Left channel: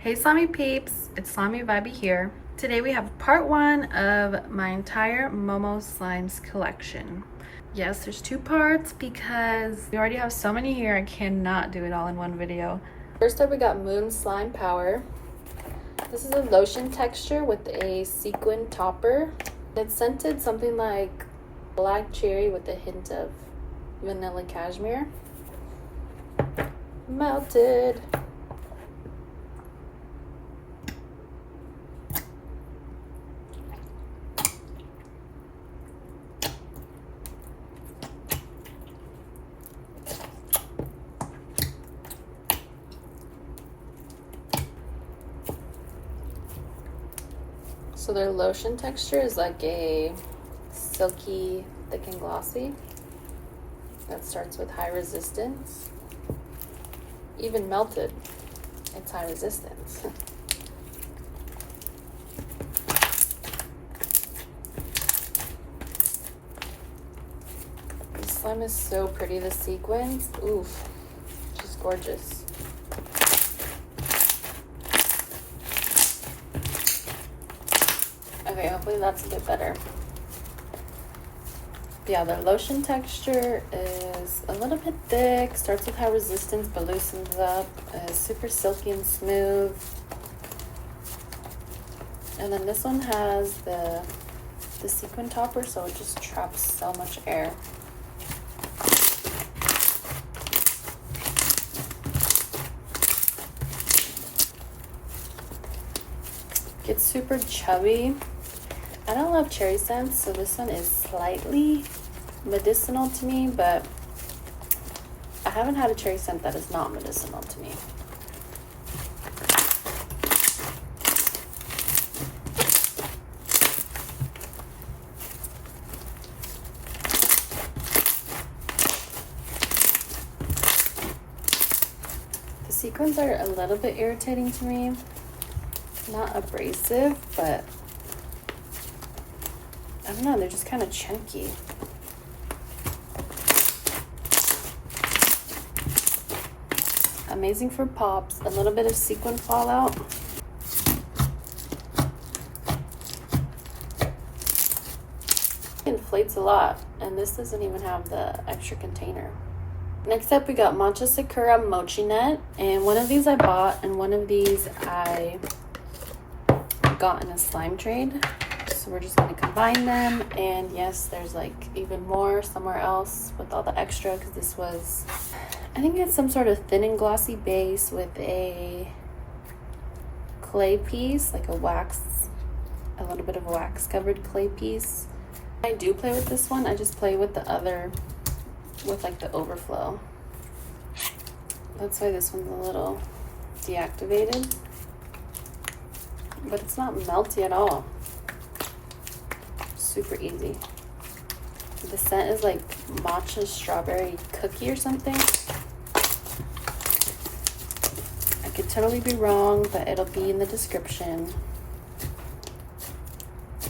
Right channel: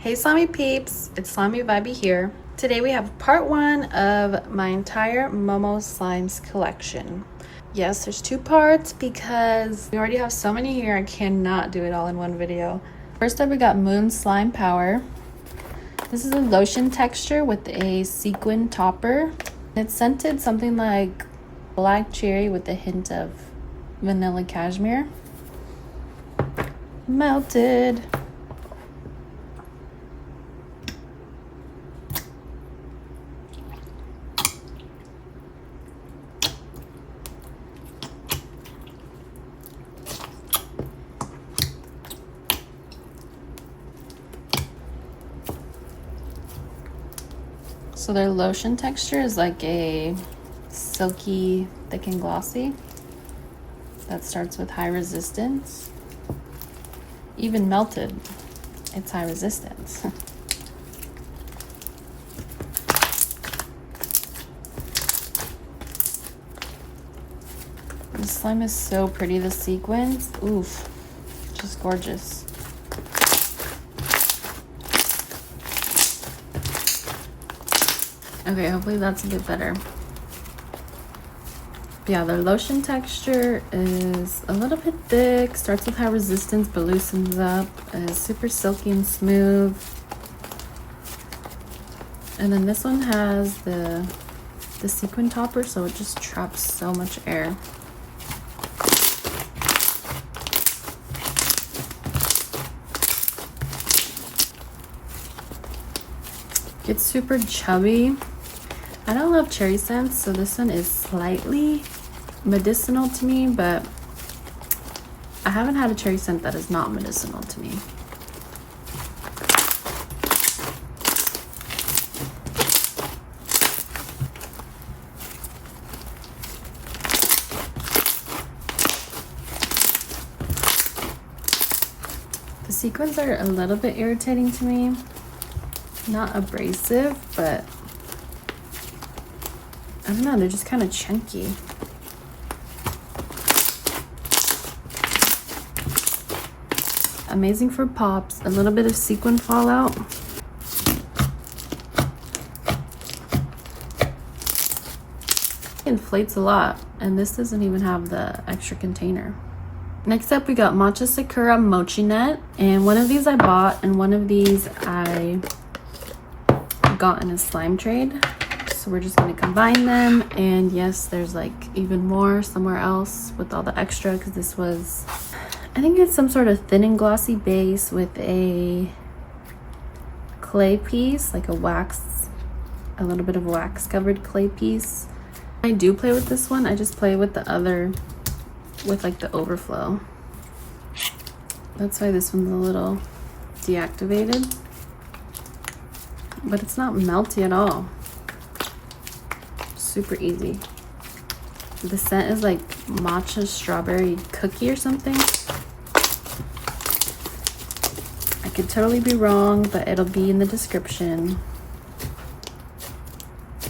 Hey slimy peeps, it's Slimy Vibey here. Today we have part one of my entire Momo Slimes collection. Yes, there's two parts because we already have so many here, I cannot do it all in one video. First up we got Moon Slime Power. This is a lotion texture with a sequin topper. It's scented something like black cherry with a hint of vanilla cashmere. Melted. So their lotion texture is like a silky, thick and glossy. That starts with high resistance. Even melted, it's high resistance. This slime is so pretty, the sequins. Oof, just gorgeous. Okay, hopefully that's a bit better. Yeah, the lotion texture is a little bit thick, starts with high resistance but loosens up, is super silky and smooth. And then this one has the sequin topper, so it just traps so much air. It's super chubby. I don't love cherry scents, so this one is slightly medicinal to me, but I haven't had a cherry scent that is not medicinal to me. The sequins are a little bit irritating to me. Not abrasive, but I don't know, they're just kind of chunky. Amazing for pops, a little bit of sequin fallout. It inflates a lot, and this doesn't even have the extra container. Next up we got Matcha Sakura Mochinut, and one of these I bought, and one of these I got in a slime trade. So we're just going to combine them, and yes, there's like even more somewhere else with all the extra, because this was, I think it's some sort of thin and glossy base with a clay piece, like a little bit of wax covered clay piece. I do play with this one, I just play with the other, with like the overflow. That's why this one's a little deactivated, but it's not melty at all. Super easy. The scent is like matcha strawberry cookie or something. I could totally be wrong, but it'll be in the description.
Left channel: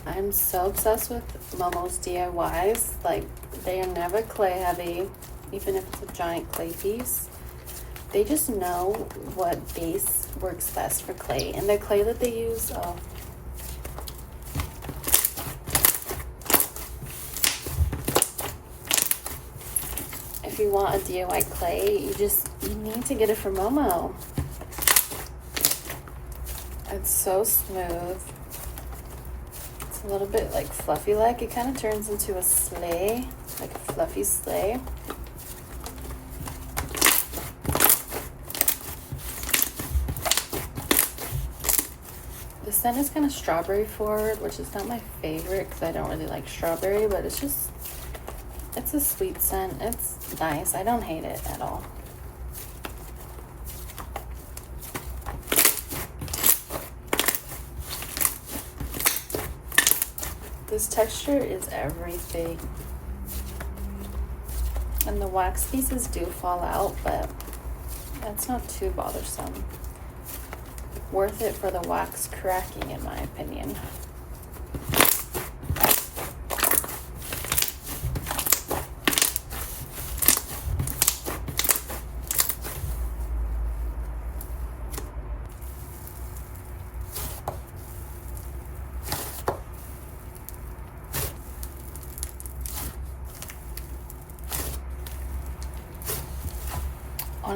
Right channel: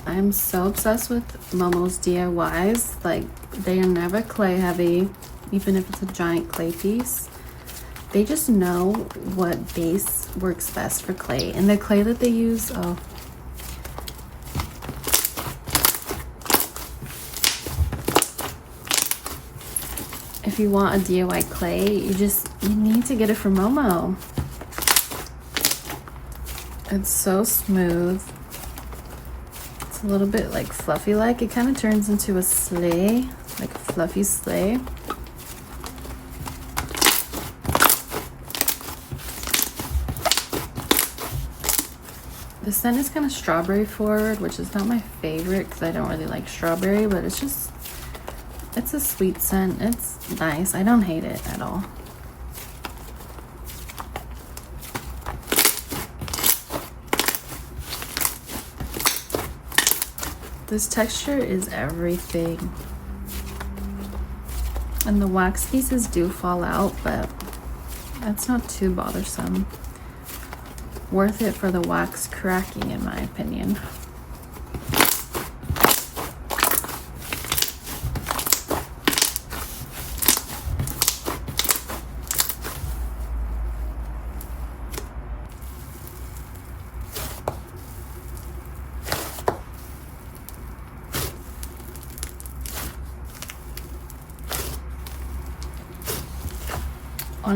I'm so obsessed with Momo's DIYs. Like, they are never clay heavy, even if it's a giant clay piece. They just know what base works best for clay, and the clay that they use, oh, if you want a DIY clay, you need to get it from Momo. It's so smooth. It's a little bit like fluffy like. It kind of turns into a sleigh, like a fluffy sleigh. The scent is kind of strawberry forward, which is not my favorite because I don't really like strawberry, but it's a sweet scent. It's nice. I don't hate it at all. This texture is everything. And the wax pieces do fall out, but that's not too bothersome. Worth it for the wax cracking, in my opinion.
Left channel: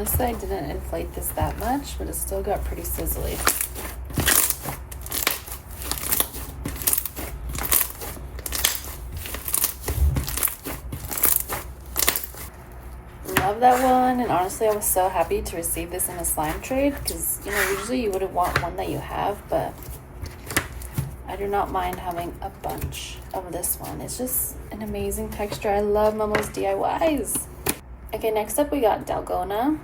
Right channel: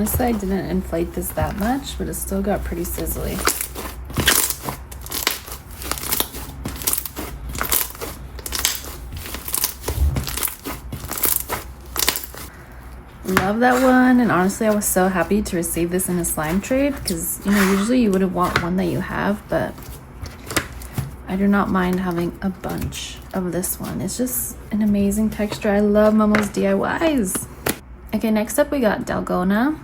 Honestly, I didn't inflate this that much, but it still got pretty sizzly. Love that one, and honestly I was so happy to receive this in a slime trade because, you know, usually you wouldn't want one that you have, but I do not mind having a bunch of this one. It's just an amazing texture. I love Momo's DIYs. Okay, next up we got Dalgona.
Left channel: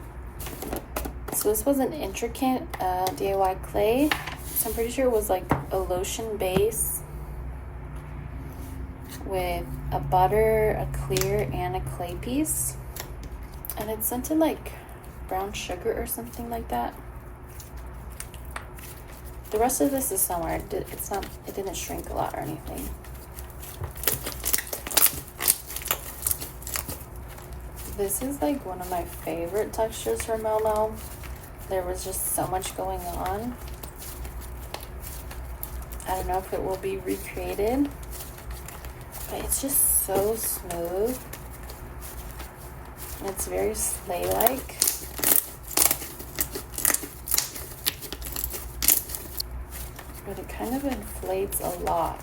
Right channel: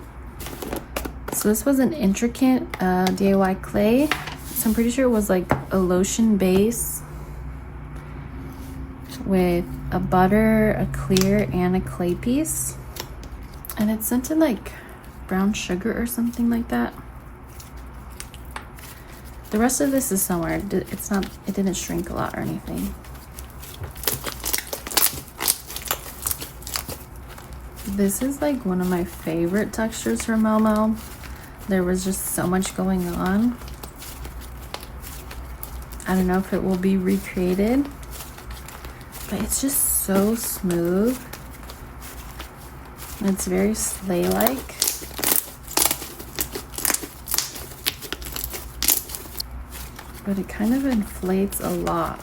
So this was an intricate DIY clay. So I'm pretty sure it was like a lotion base with a butter, a clear, and a clay piece. And it's scented like brown sugar or something like that. The rest of this is somewhere. It's not, it didn't shrink a lot or anything. This is like one of my favorite textures from Momo. There was just so much going on. I don't know if it will be recreated, but it's just so smooth. It's very sleigh-like. But it kind of inflates a lot.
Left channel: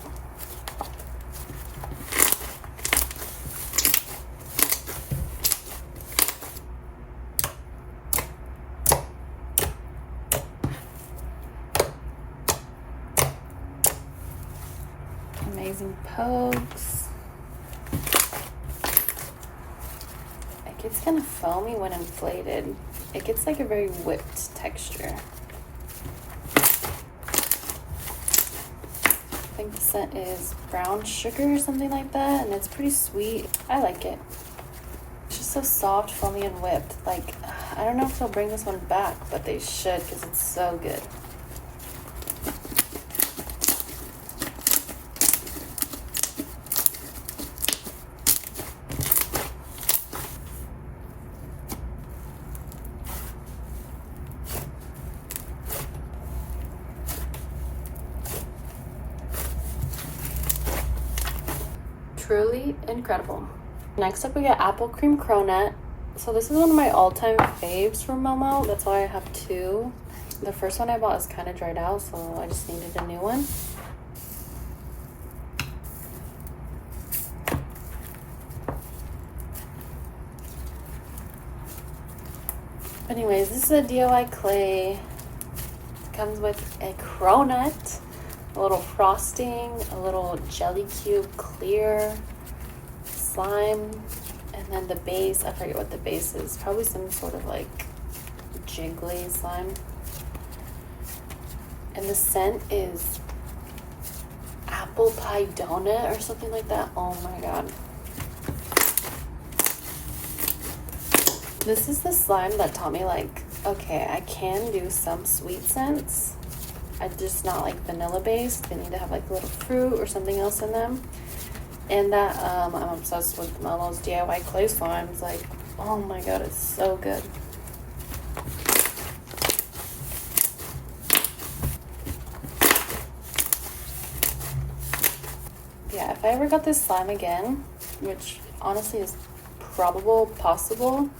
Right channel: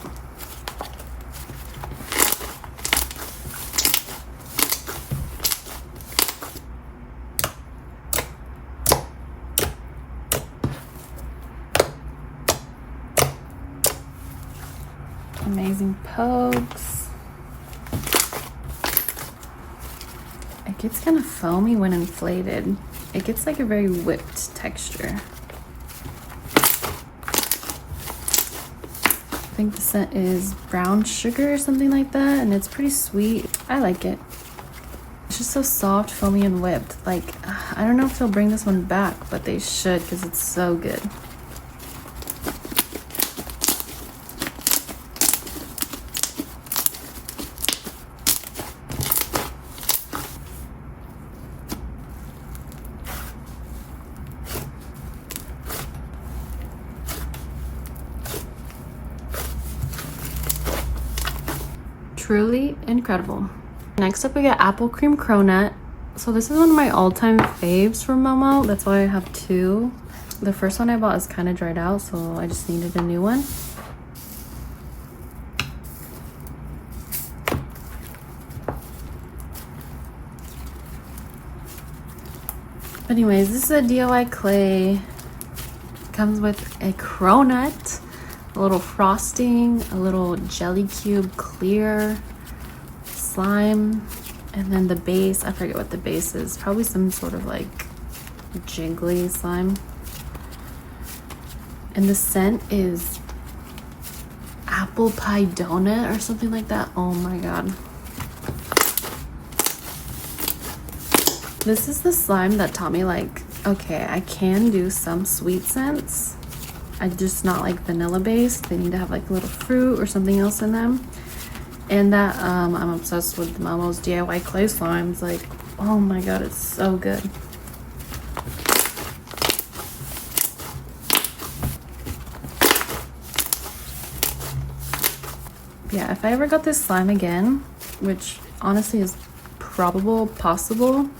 Amazing pokes. It gets kind of foamy when inflated. It gets like a very whipped texture. I think the scent is brown sugar or something like that, and it's pretty sweet. I like it. It's just so soft, foamy, and whipped. Like, I don't know if they'll bring this one back, but they should because it's so good. Truly incredible. Next up we got apple cream cronut. So this is one of my all-time faves from Momo. That's why I have two. The first one I bought is kind of dried out, so I just needed a new one. But anyways, this is a DIY clay. It comes with a cronut, a little frosting, a little jelly cube clear, slime, and then the base. I forget what the base is. Probably some sort of like jiggly slime. And the scent is apple pie donut or something like that. Oh my god. This is the slime that taught me, like, okay, I can do some sweet scents. I just not like vanilla based. They need to have like a little fruit or something else in them. And that I'm obsessed with Momo's DIY clay slimes. Like, oh my god, it's so good. Yeah, if I ever got this slime again, which honestly is possible,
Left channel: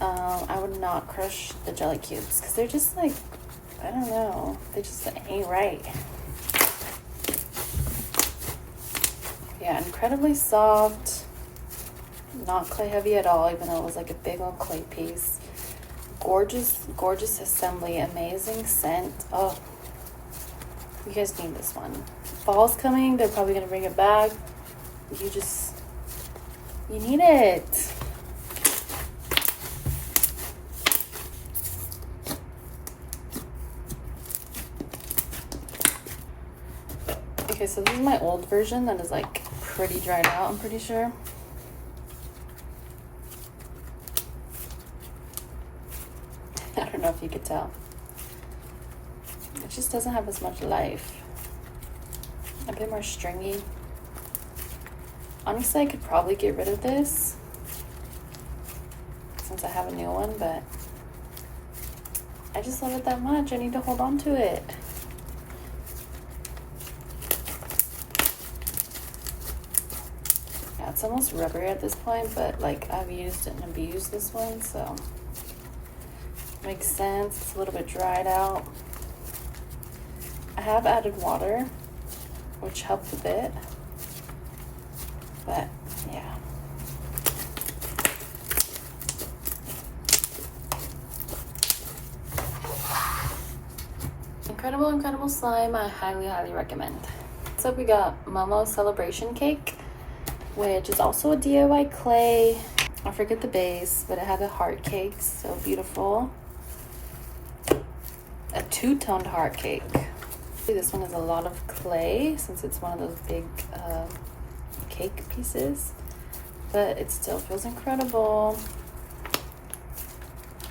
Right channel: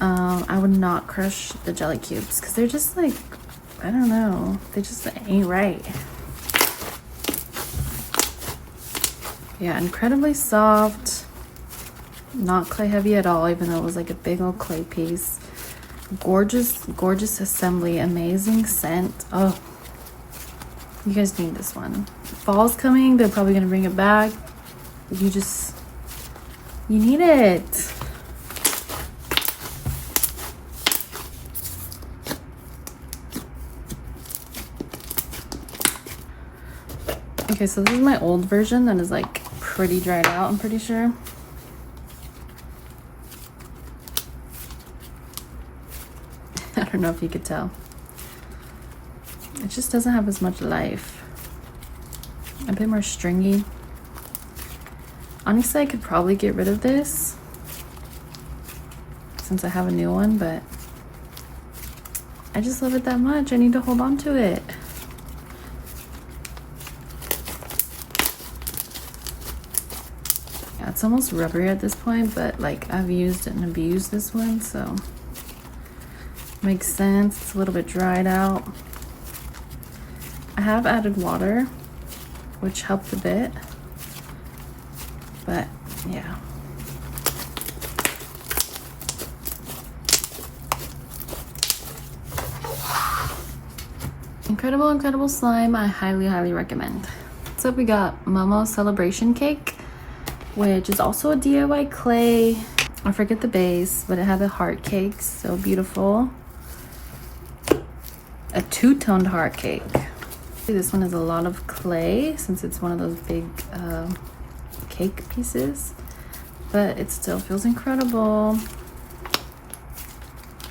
I would not crush the jelly cubes because they're just like, I don't know, they just ain't right. Yeah, incredibly soft, not clay heavy at all, even though it was like a big old clay piece. Gorgeous, gorgeous assembly, amazing scent. Oh, you guys need this one. Fall's coming, they're probably gonna bring it back. You need it. Okay, so this is my old version that is like pretty dried out, I'm pretty sure. I don't know if you could tell. It just doesn't have as much life. A bit more stringy. Honestly, I could probably get rid of this since I have a new one, but I just love it that much. I need to hold on to it. It's almost rubbery at this point, but like I've used and abused this one, so Makes sense. It's a little bit dried out. I have added water, which helped a bit, but yeah. Incredible, incredible slime. I highly, highly recommend. So we got Momo Celebration Cake, which is also a DIY clay. I forget the base, but it has a heart cake. So beautiful. A two-toned heart cake. This one is a lot of clay since it's one of those big cake pieces, but it still feels incredible.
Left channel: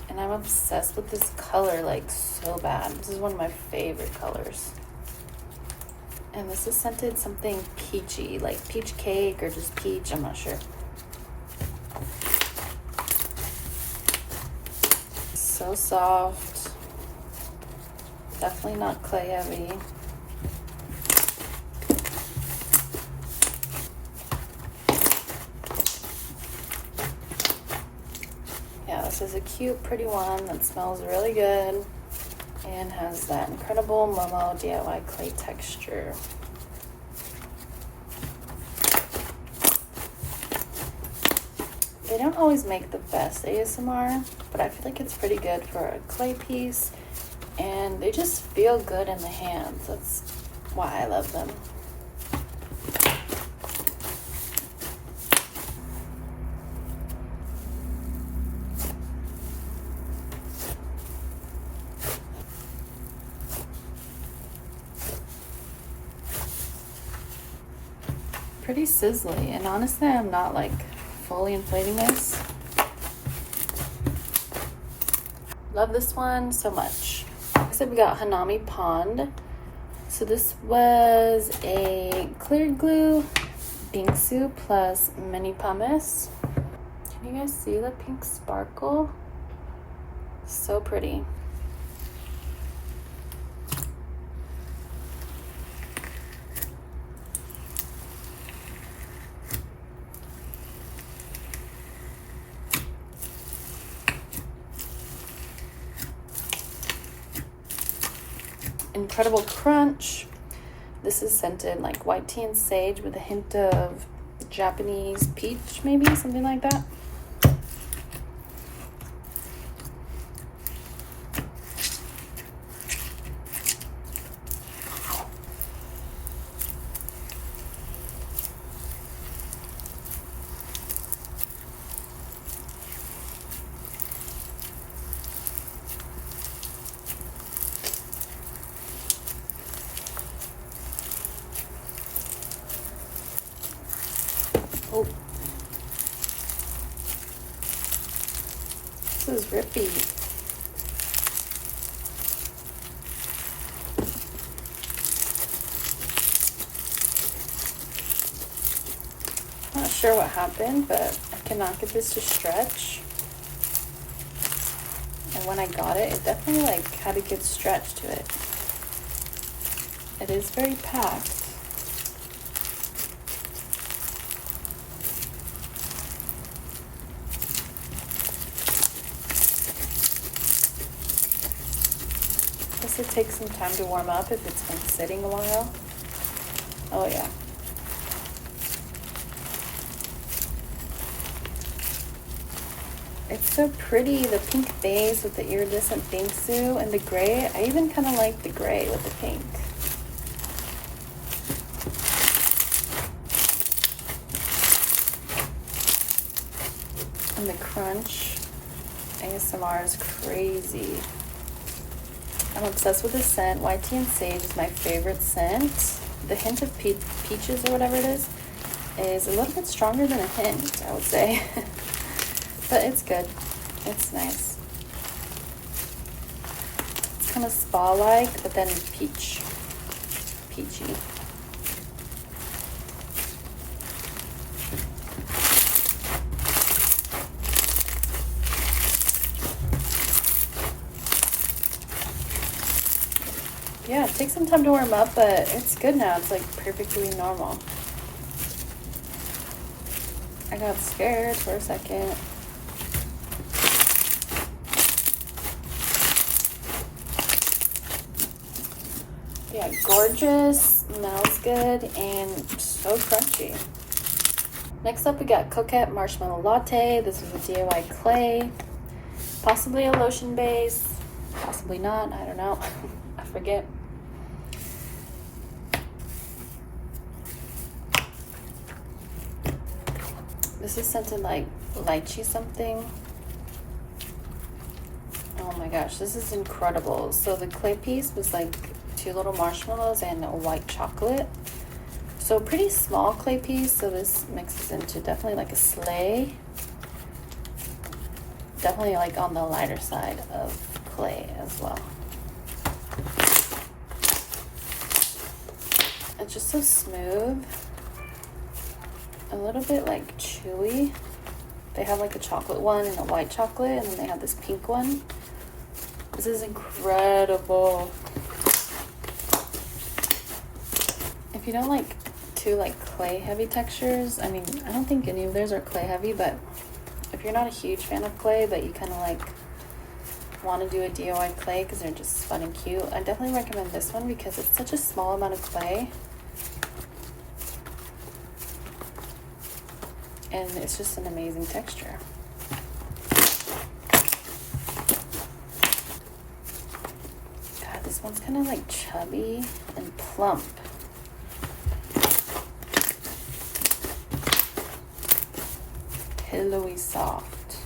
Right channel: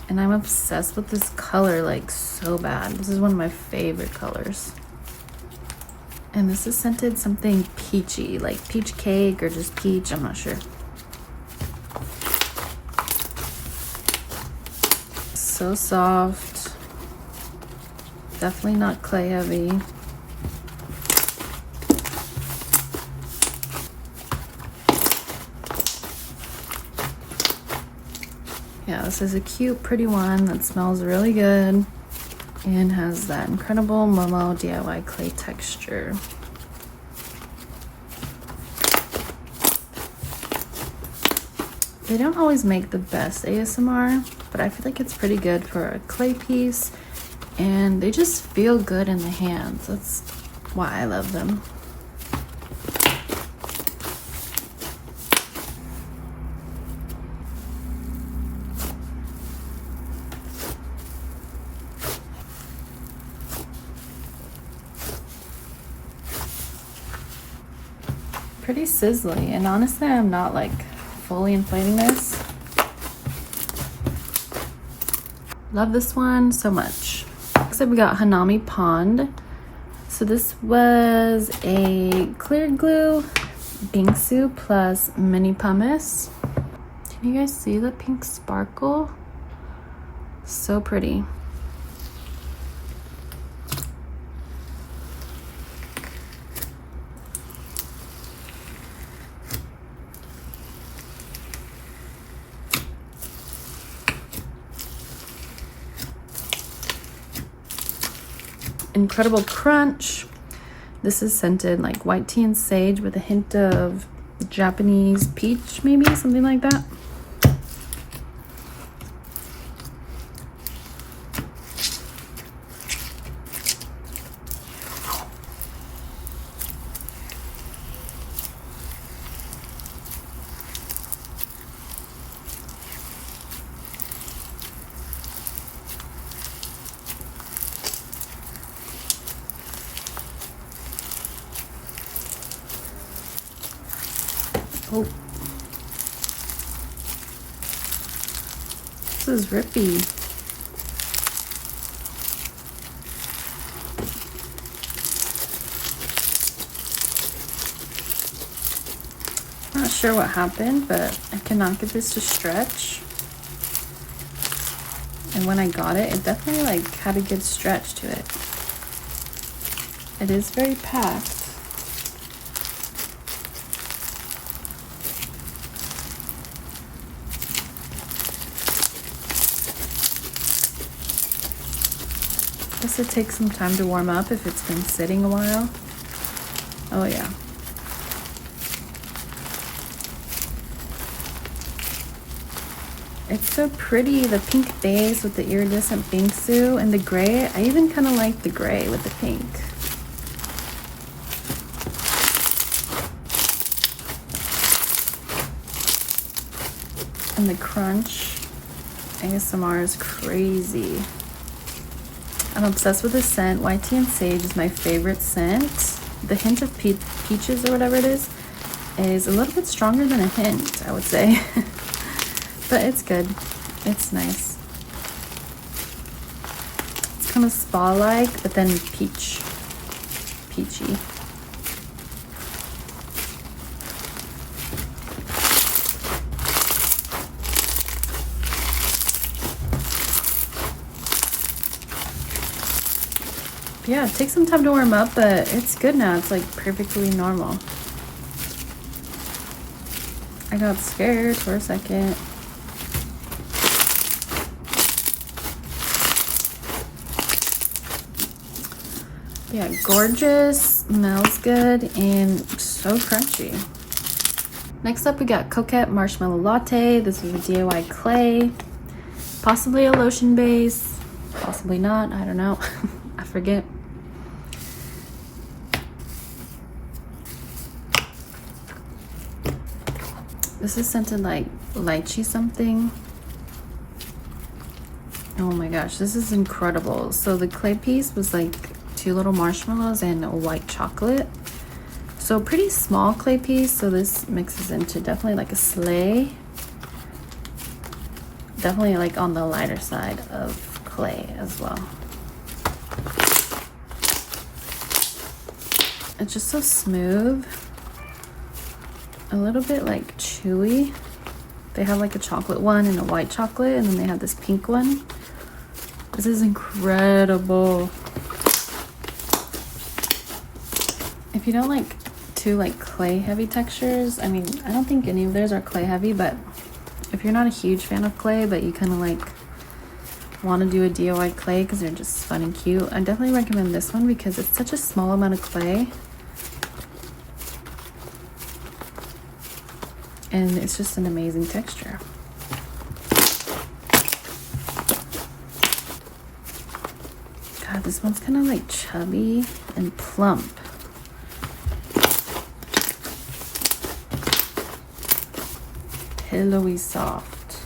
And I'm obsessed with this color, like, so bad. This is one of my favorite colors. And this is scented something peachy, like peach cake or just peach, I'm not sure. So soft. Definitely not clay heavy. Yeah, this is a cute, pretty one that smells really good and has that incredible Momo DIY clay texture. They don't always make the best ASMR, but I feel like it's pretty good for a clay piece, and they just feel good in the hands. That's why I love them. Pretty sizzly, and honestly I'm not like fully inflating this. Love this one so much. Next up we got Hanami Pond. So this was a clear glue bingsu plus mini pumice. Can you guys see the pink sparkle? So pretty. Incredible crunch. This is scented like white tea and sage with a hint of Japanese peach, maybe something like that. Oh. This is rippy. Not sure what happened, but I cannot get this to stretch. And when I got it, it definitely like had a good stretch to it. It is very packed. This would take some time to warm up if it's been sitting a while. Oh yeah. It's so pretty, the pink base with the iridescent bingsu and the gray. I even kind of like the gray with the pink. And the crunch. ASMR is crazy. I'm obsessed with this scent. White tea and sage is my favorite scent. The hint of peaches or whatever it is a little bit stronger than a hint, I would say. But it's good. It's nice. It's kind of spa-like, but then peachy. Yeah, it takes some time to warm up, but it's good now. It's like perfectly normal. I got scared for a second. Yeah, gorgeous, smells good, and so crunchy. Next up, we got Coquette Marshmallow Latte. This is a DIY clay, possibly a lotion base, possibly not, I don't know. I forget. This is scented like lychee something. Oh my gosh, this is incredible. So the clay piece was like 2 little marshmallows and a white chocolate. So pretty small clay piece. So this mixes into definitely like a sleigh. Definitely like on the lighter side of clay as well. It's just so smooth. A little bit like chewy. They have like a chocolate one and a white chocolate, and then they have this pink one. This is incredible. If you don't like too like clay heavy textures, I mean, I don't think any of theirs are clay heavy, but if you're not a huge fan of clay, but you kind of like want to do a DIY clay because they're just fun and cute, I definitely recommend this one because it's such a small amount of clay. And it's just an amazing texture. God, this one's kind of like chubby and plump. Pillowy soft.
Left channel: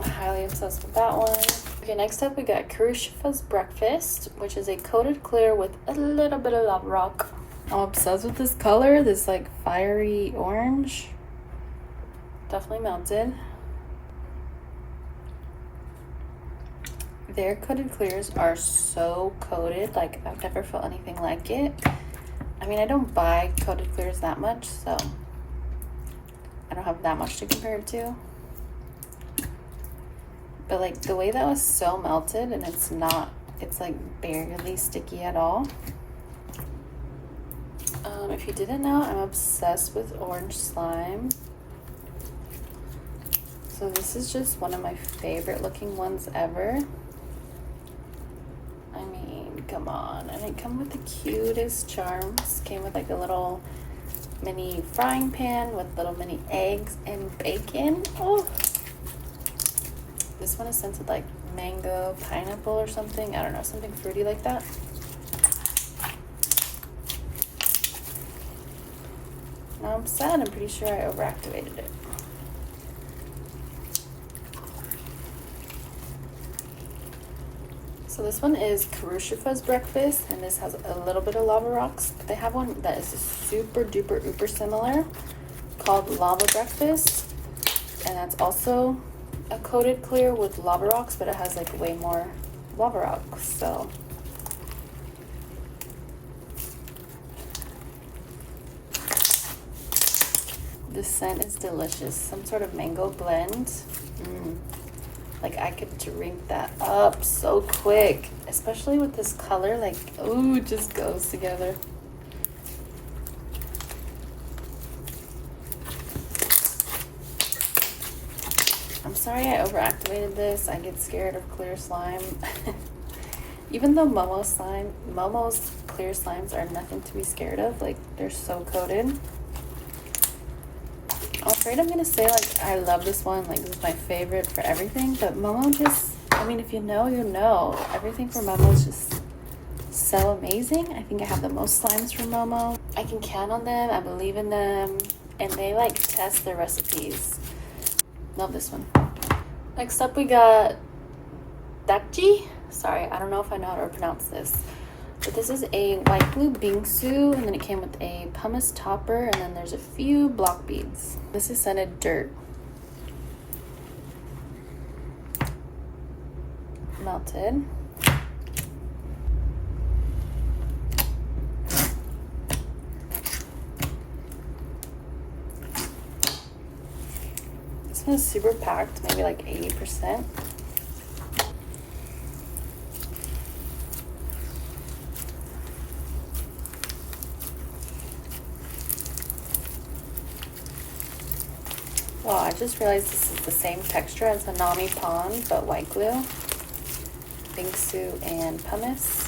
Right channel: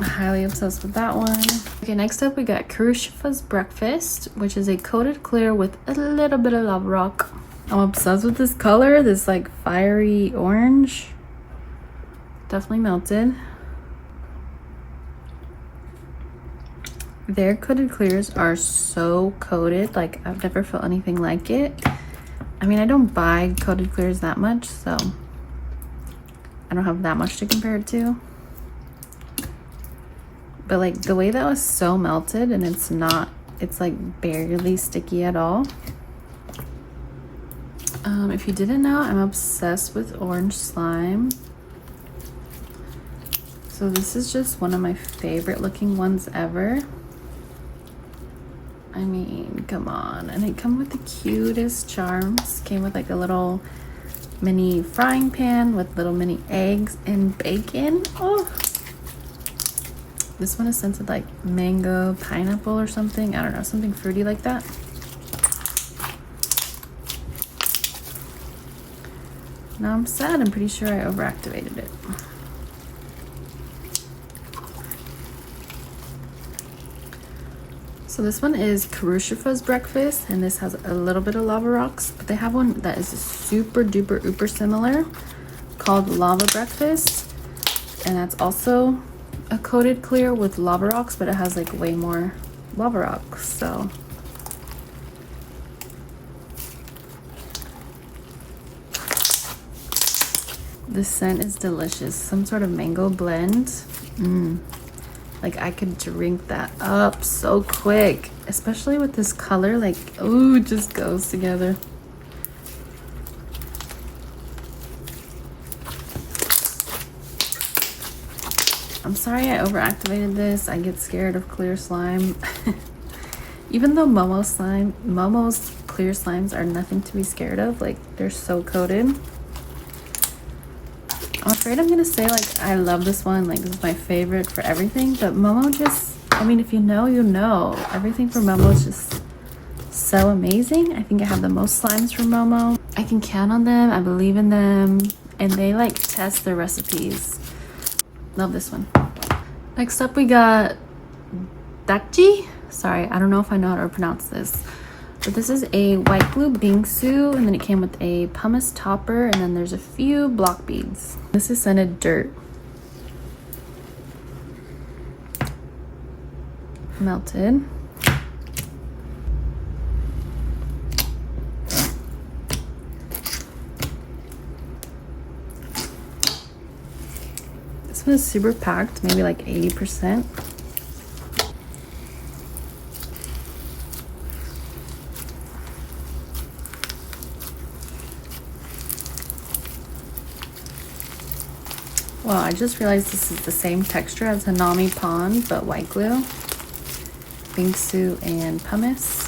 Highly obsessed with that one. Okay, next up we got Kruifas Breakfast, which is a coated clear with a little bit of lava rock. I'm obsessed with this color, this like fiery orange. Definitely melted. Their coated clears are so coated, like I've never felt anything like it. I mean, I don't buy coated clears that much, so I don't have that much to compare it to. But like the way that was so melted, and it's like barely sticky at all. If you didn't know, I'm obsessed with orange slime. So this is just one of my favorite looking ones ever. I mean, come on. And it comes with the cutest charms. Came with like a little mini frying pan with little mini eggs and bacon. Oh. This one is scented like mango, pineapple or something. I don't know, something fruity like that. Now I'm sad, I'm pretty sure I overactivated it. So this one is Karushifa's Breakfast, and this has a little bit of lava rocks, but they have one that is super duper uber similar called Lava Breakfast, and that's also a coated clear with lava rocks, but it has like way more lava rocks. So the scent is delicious. Some sort of mango blend. Like I could drink that up so quick, especially with this color. Like, ooh, it just goes together. I'm sorry I overactivated this. I get scared of clear slime. Even though Momo's clear slimes are nothing to be scared of. Like, they're so coated. I'm afraid I'm gonna say like I love this one. Like, this is my favorite for everything. But Momo just, I mean, if you know, you know. Everything from Momo is just so amazing. I think I have the most slimes from Momo. I can count on them. I believe in them. And they like test their recipes. Love this one. Next up we got Daki. Sorry, I don't know if I know how to pronounce this. But this is a white glue bingsu, and then it came with a pumice topper, and then there's a few block beads. This is scented dirt. Melted. This one's super packed, maybe like 80%. Wow, I just realized this is the same texture as Hanami Pond, but white glue, bingsu, and pumice.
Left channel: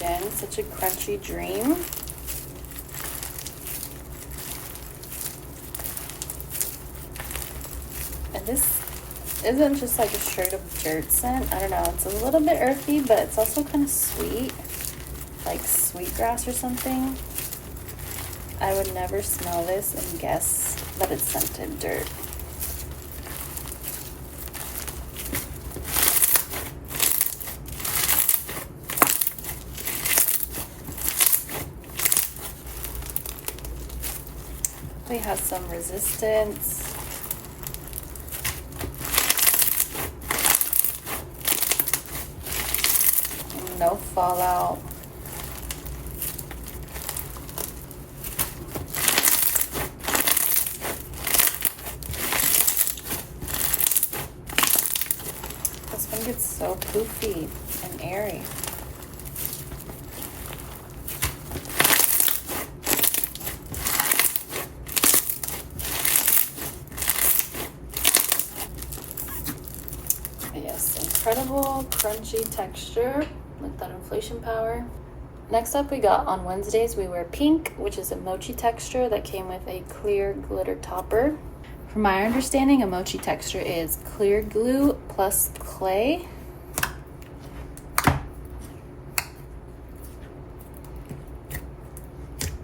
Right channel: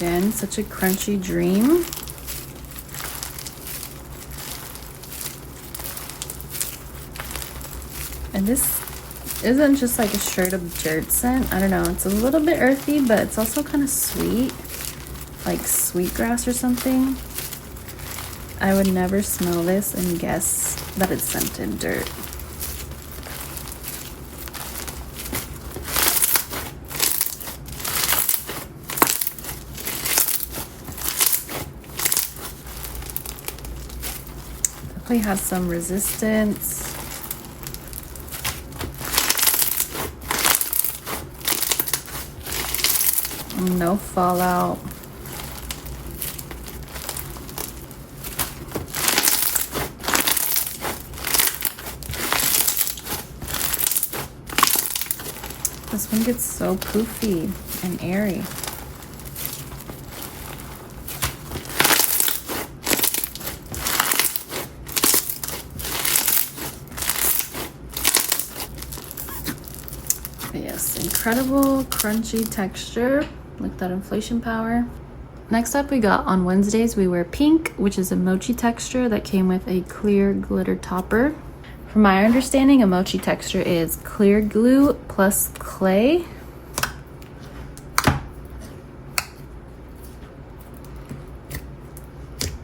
Again, such a crunchy dream. And this isn't just like a straight up dirt scent. I don't know, it's a little bit earthy, but it's also kind of sweet, like sweetgrass or something. I would never smell this and guess that it's scented dirt. Definitely has some resistance. No fallout. This one gets so poofy and airy. Yes, incredible crunchy texture. With that inflation power. Next up, we got on Wednesdays we wear pink, which is a mochi texture that came with a clear glitter topper. From my understanding, a mochi texture is clear glue plus clay.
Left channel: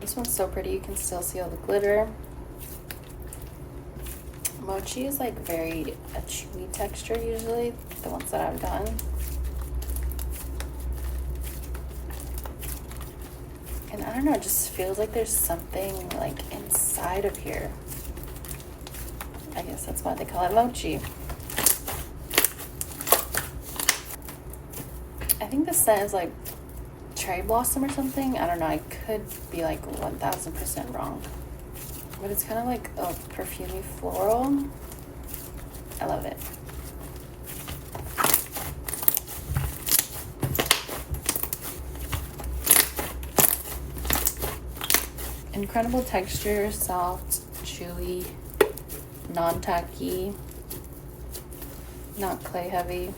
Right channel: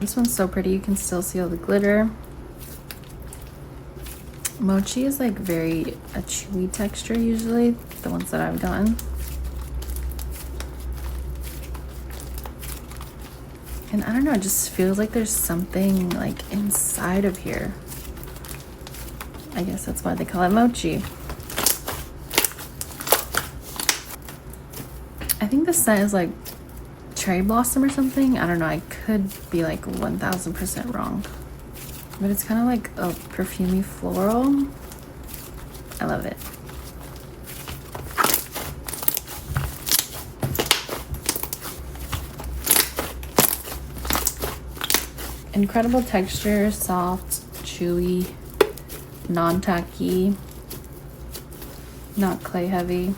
This one's so pretty, you can still see all the glitter. Mochi is like very a chewy texture usually, the ones that I've done. And I don't know, it just feels like there's something like inside of here. I guess that's why they call it mochi. I think the scent is like cherry blossom or something. I don't know, I could be like 1000% wrong. But it's kind of like a perfumey floral. I love it. Incredible texture, soft, chewy, non-tacky, not clay heavy.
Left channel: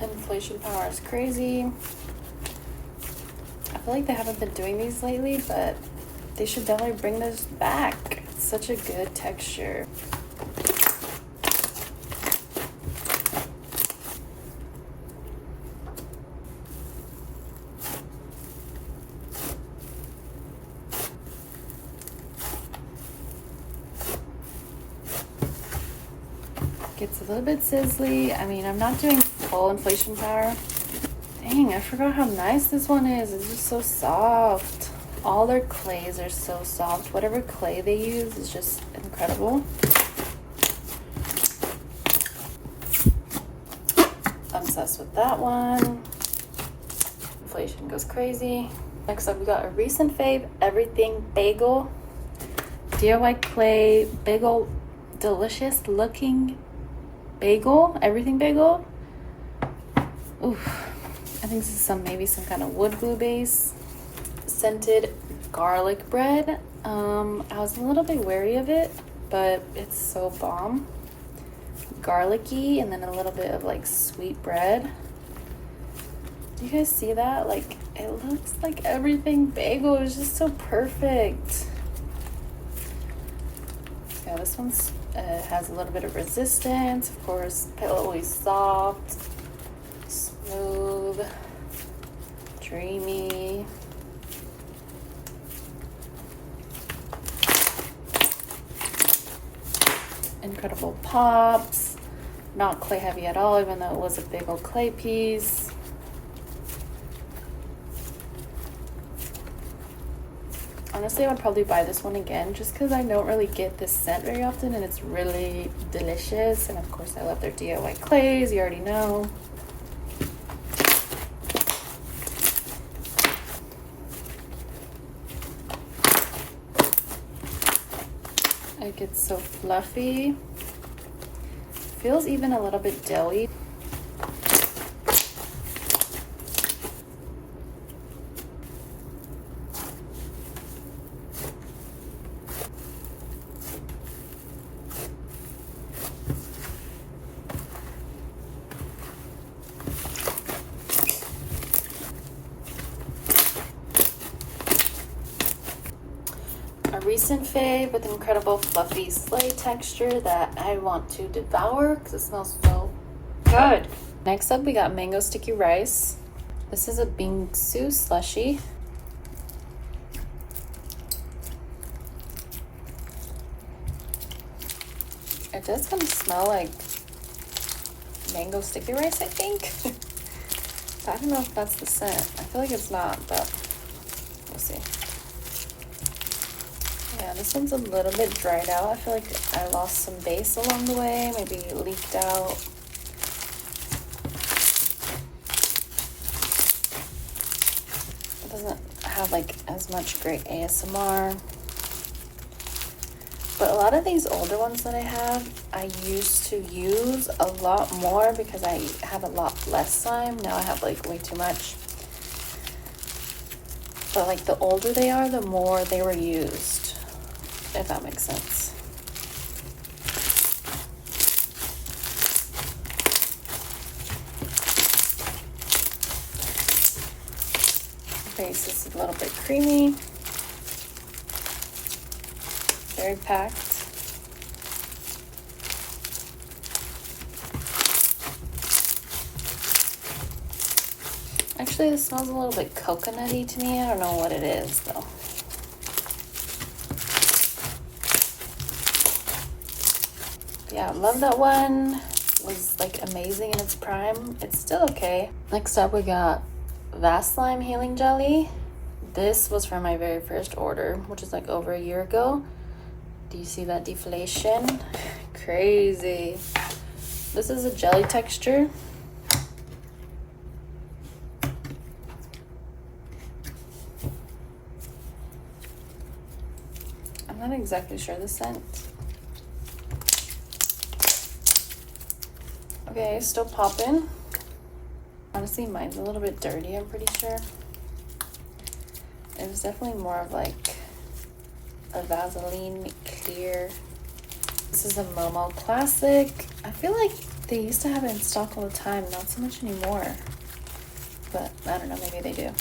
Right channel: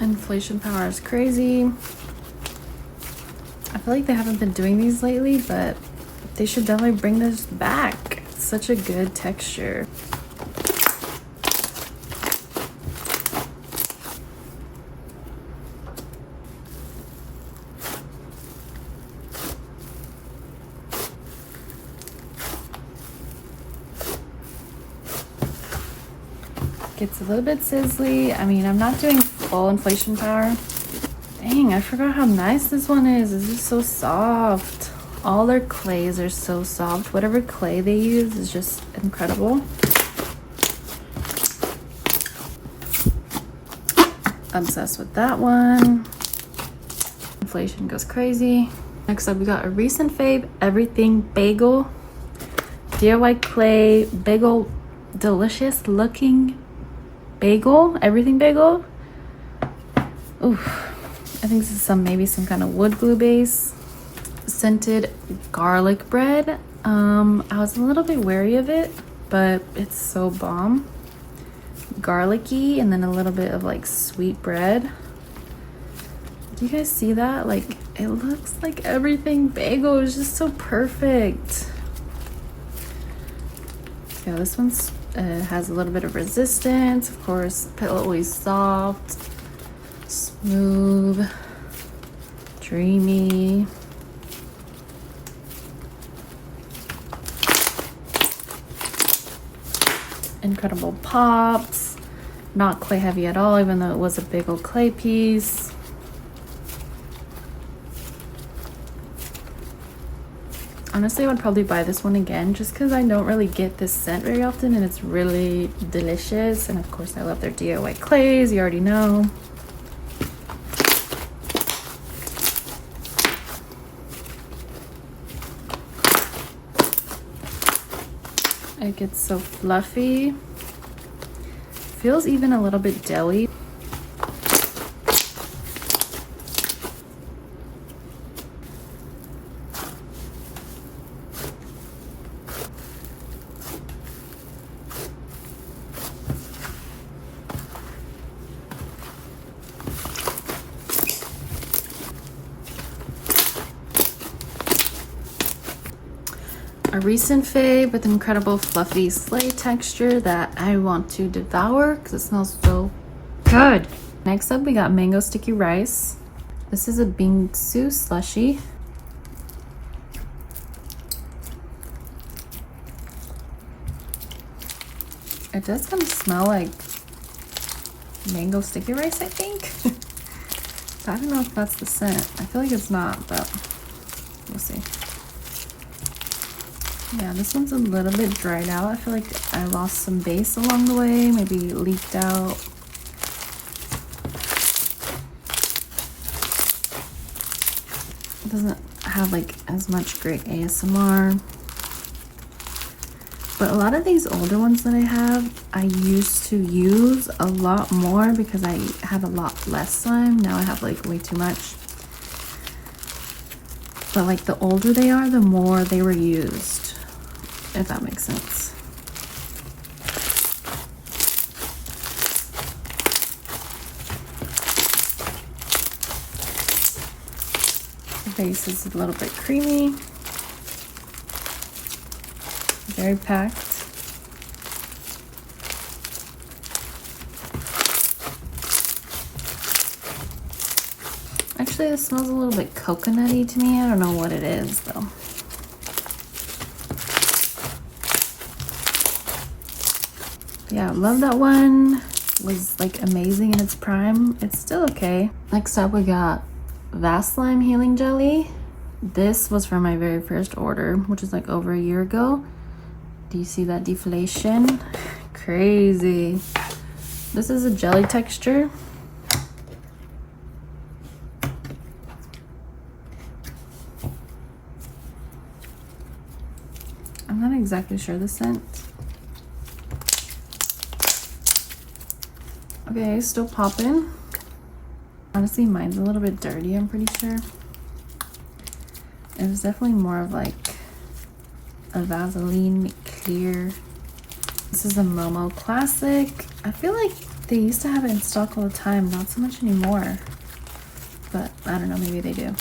Inflation power is crazy. I feel like they haven't been doing these lately, but they should definitely bring this back. It's such a good texture. Gets a little bit sizzly. I mean, I'm not doing full inflation power. Dang, I forgot how nice this one is. It's just so soft. All their clays are so soft. Whatever clay they use is just incredible. Obsessed with that one. Inflation goes crazy. Next up, we got a recent fave, Everything Bagel. DIY clay bagel, delicious looking bagel, everything bagel. Oof, I think this is maybe some kind of wood glue base. Scented garlic bread. I was a little bit wary of it, but it's so bomb. Garlicky, and then a little bit of like sweet bread. Do you guys see that? Like, it looks like everything bagel is just so perfect. Yeah, this one's has a little bit of resistance. Of course, petal always soft, smooth, dreamy. Incredible pops. Not clay heavy at all, even though it was a big old clay piece. Honestly, I would probably buy this one again just because I don't really get this scent very often, and it's really delicious. And of course, I love their DIY clays, you already know. It gets so fluffy. Feels even a little bit jelly. A recent fave with incredible fluffy slay texture that I want to devour because it smells so good. Next up, we got mango sticky rice. This is a bingsu slushy. It does kind of smell like mango sticky rice, I think. I don't know if that's the scent. I feel like it's not, but we'll see. Yeah, this one's a little bit dried out. I feel like I lost some base along the way, maybe leaked out. It doesn't have like as much great ASMR. But a lot of these older ones that I have, I used to use a lot more because I had a lot less slime. Now I have like way too much. But like the older they are, the more they were used, if that makes sense. The base is a little bit creamy. Very packed. Actually, this smells a little bit coconutty to me. I don't know what it is though. Yeah, I love that one. Was like amazing in its prime. It's still okay. Next up, we got Vaslime Healing Jelly. This was from my very first order, which is like over a year ago. Do you see that deflation? Crazy. This is a jelly texture. I'm not exactly sure the scent. Okay, still popping. Honestly, mine's a little bit dirty, I'm pretty sure. It was definitely more of like a Vaseline clear. This is a Momo classic. I feel like they used to have it in stock all the time, not so much anymore. But I don't know, maybe they do.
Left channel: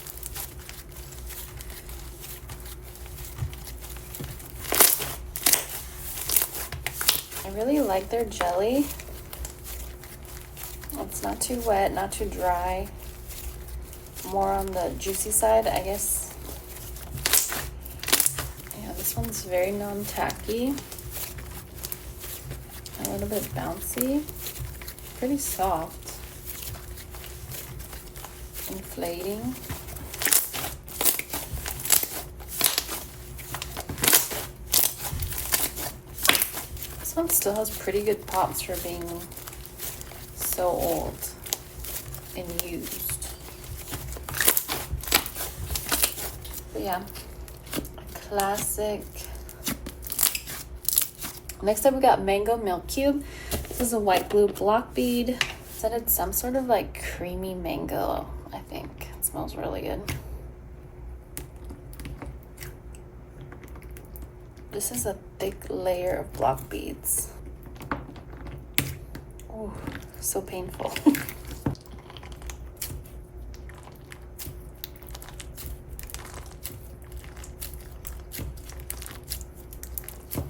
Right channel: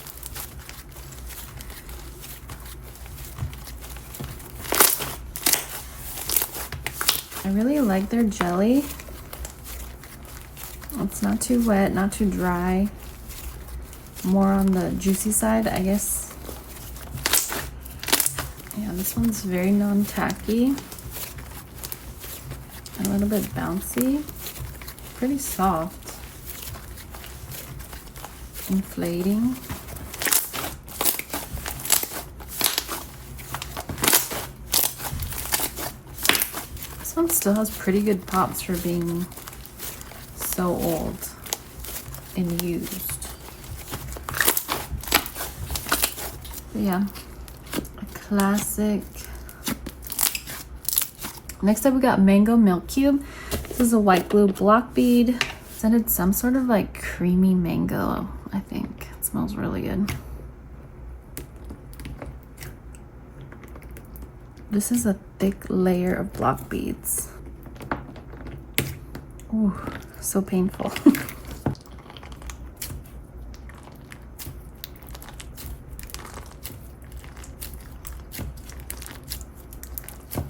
I really like their jelly. It's not too wet, not too dry. More on the juicy side, I guess. Yeah, this one's very non-tacky. A little bit bouncy. Pretty soft. Inflating. This one still has pretty good pops for being so old and used. But yeah, a classic. Next up, we got Mango Milk Cube. This is a white glue block bead. Scented some sort of like creamy mango, I think. It smells really good. This is a thick layer of block beads. Ooh, so painful.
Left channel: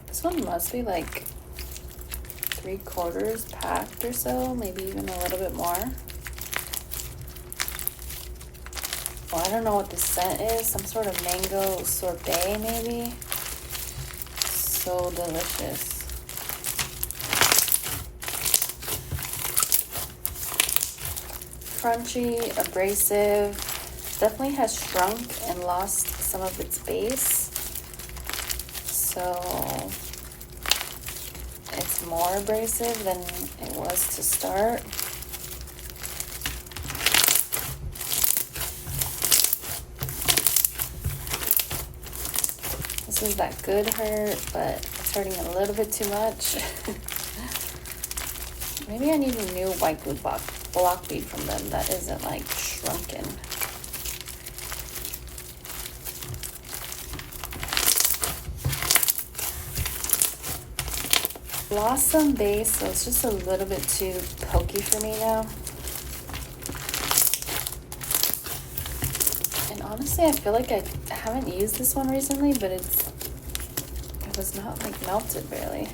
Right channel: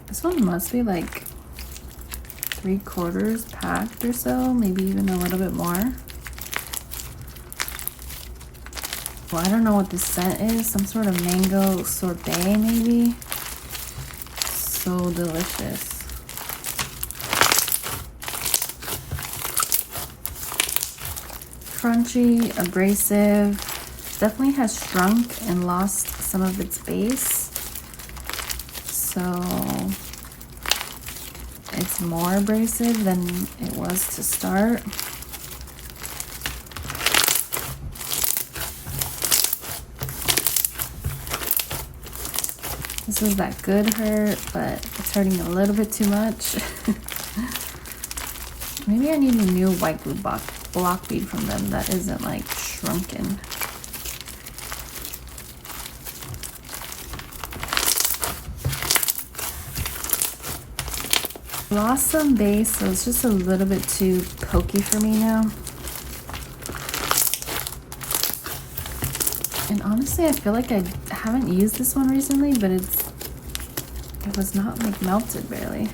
This one must be like 3/4 packed or so, maybe even a little bit more. Well, I don't know what this scent is. Some sort of mango sorbet, maybe. So delicious. Crunchy, abrasive. Definitely has shrunk and lost some of its base. so it's more abrasive than it was to start. This is that good hurt, but it's hurting a little bit too much. Maybe I need a new white glue block bead from them that isn't like shrunken. Lost some base, so it's just a little bit too pokey for me now. And honestly, I feel like I haven't used this one recently, but it was not like melted barely.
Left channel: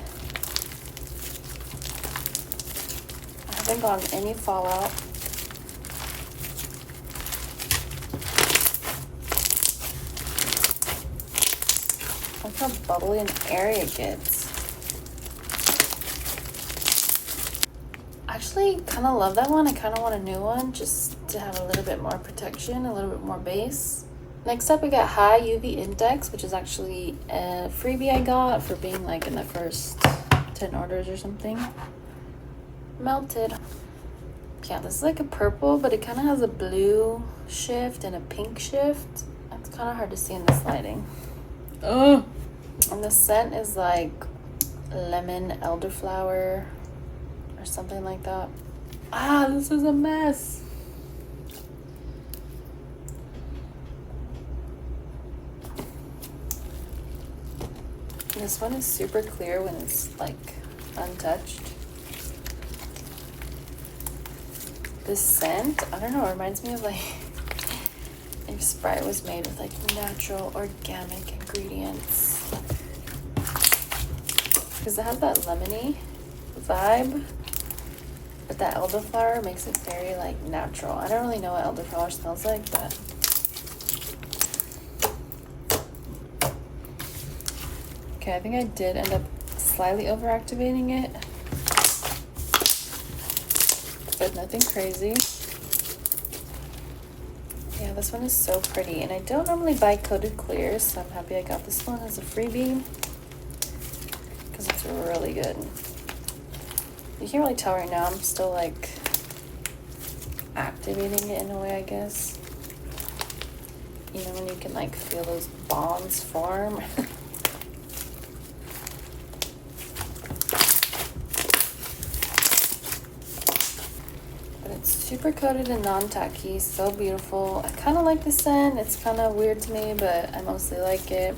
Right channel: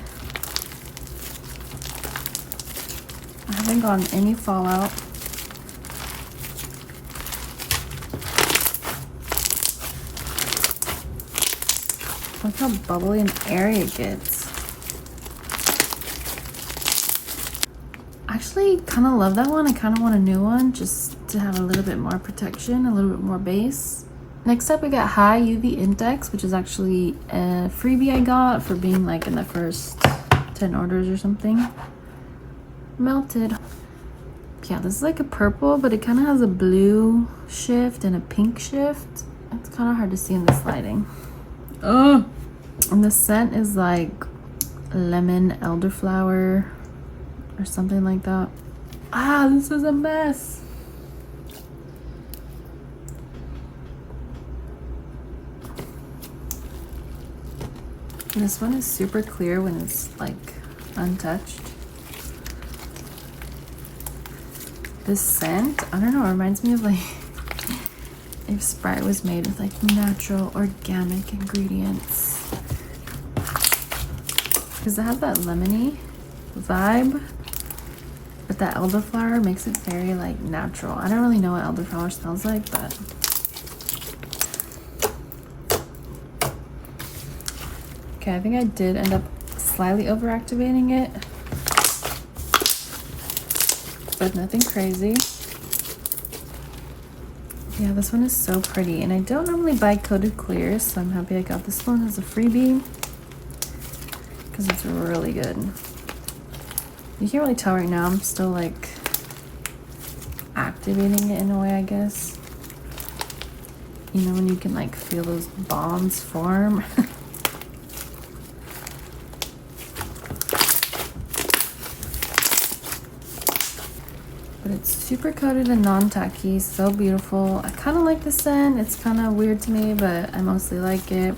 I haven't gotten any fallout. Look how bubbly and airy it gets. I actually kind of love that one. I kind of want a new one just to have a little bit more protection, a little bit more base. Next up, we got High UV Index, which is actually a freebie I got for being like in the first 10 orders or something. Melted. Yeah, this is like a purple, but it kind of has a blue shift and a pink shift. It's kind of hard to see in this lighting. Oh, and the scent is like lemon elderflower or something like that. Ah, this is a mess. This one is super clear when it's like untouched. This scent, I don't know, it reminds me of like if Sprite was made with like natural organic ingredients. Because it has that lemony vibe, but that elderflower makes it very like natural. I don't really know what elderflower smells like, but okay, I think I did end up slightly overactivating it, but nothing crazy. Yeah, this one is so pretty, and I don't normally buy coated clears, so I'm happy I got this one as a freebie because it's really good. You can't really tell right now, I'm still like activating it in a way, I guess. You know, when you can like feel those bonds form. Super coated and non-tacky, so beautiful. I kind of like the scent. It's kind of weird to me, but I mostly like it.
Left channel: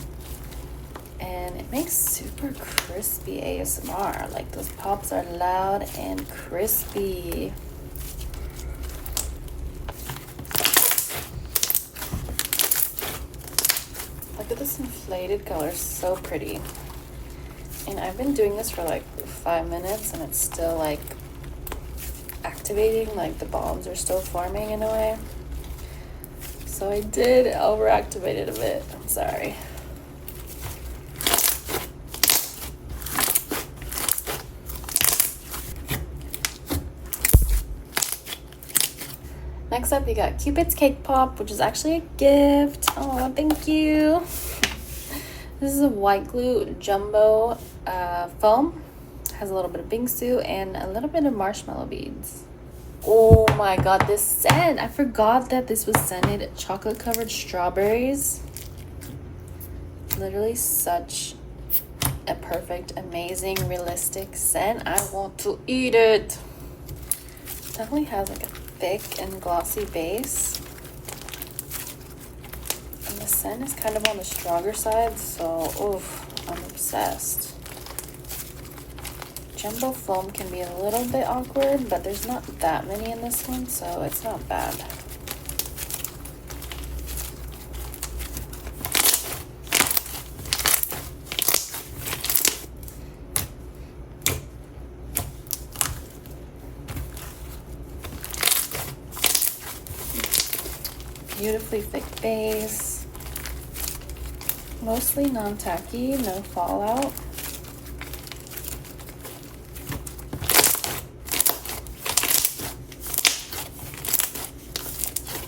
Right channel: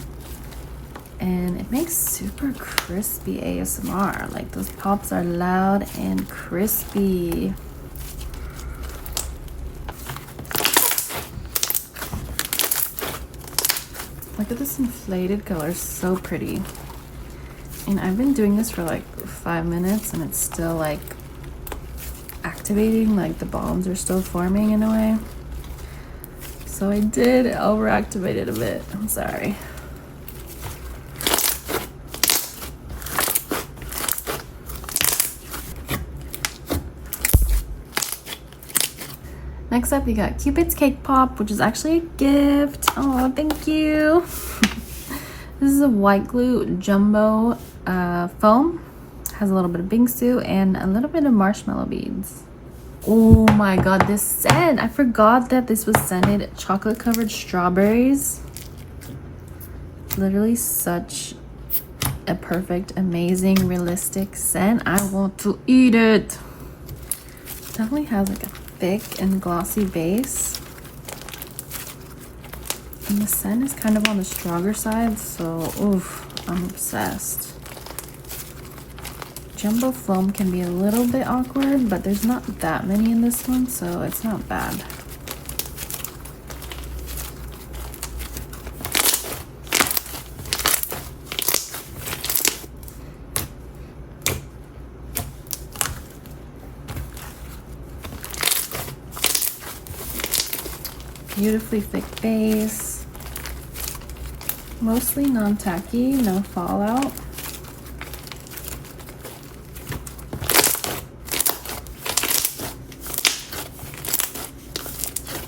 And it makes super crispy ASMR. Like those pops are loud and crispy. Look at this inflated color, so pretty. And I've been doing this for like 5 minutes and it's still like activating, like the bombs are still forming in a way. So I did overactivate it a bit. I'm sorry. Next up, we got Cupids Cake Pop, which is actually a gift. Oh, thank you. This is a white glue jumbo foam. Has a little bit of bingsu and a little bit of marshmallow beads. Oh my god, this scent! I forgot that this was scented chocolate covered strawberries. Literally such a perfect, amazing, realistic scent. I want to eat it. Definitely has like a thick and glossy base. And the scent is kind of on the stronger side, so oof, I'm obsessed. Jumbo foam can be a little bit awkward, but there's not that many in this one, so it's not bad. Beautifully thick base. Mostly non-tacky, no fallout.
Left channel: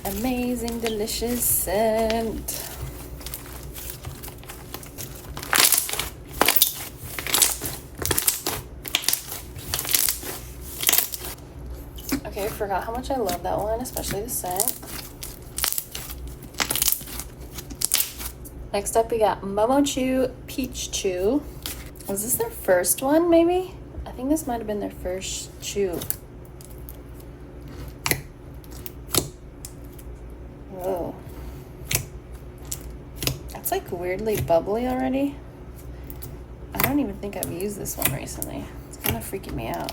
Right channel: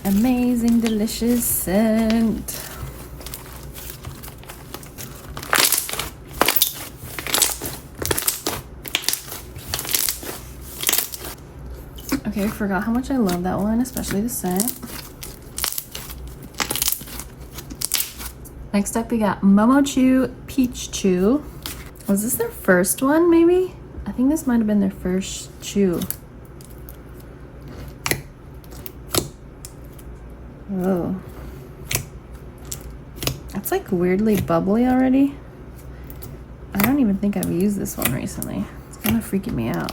Amazing, delicious scent. forgot how much I love that one, especially the scent. Next up, we got Momo Chew Peach Chew. Was this their first one, maybe? I think this might have been their first chew. Whoa. It's like weirdly bubbly already. I don't even think I've used this one recently. It's kind of freaking me out.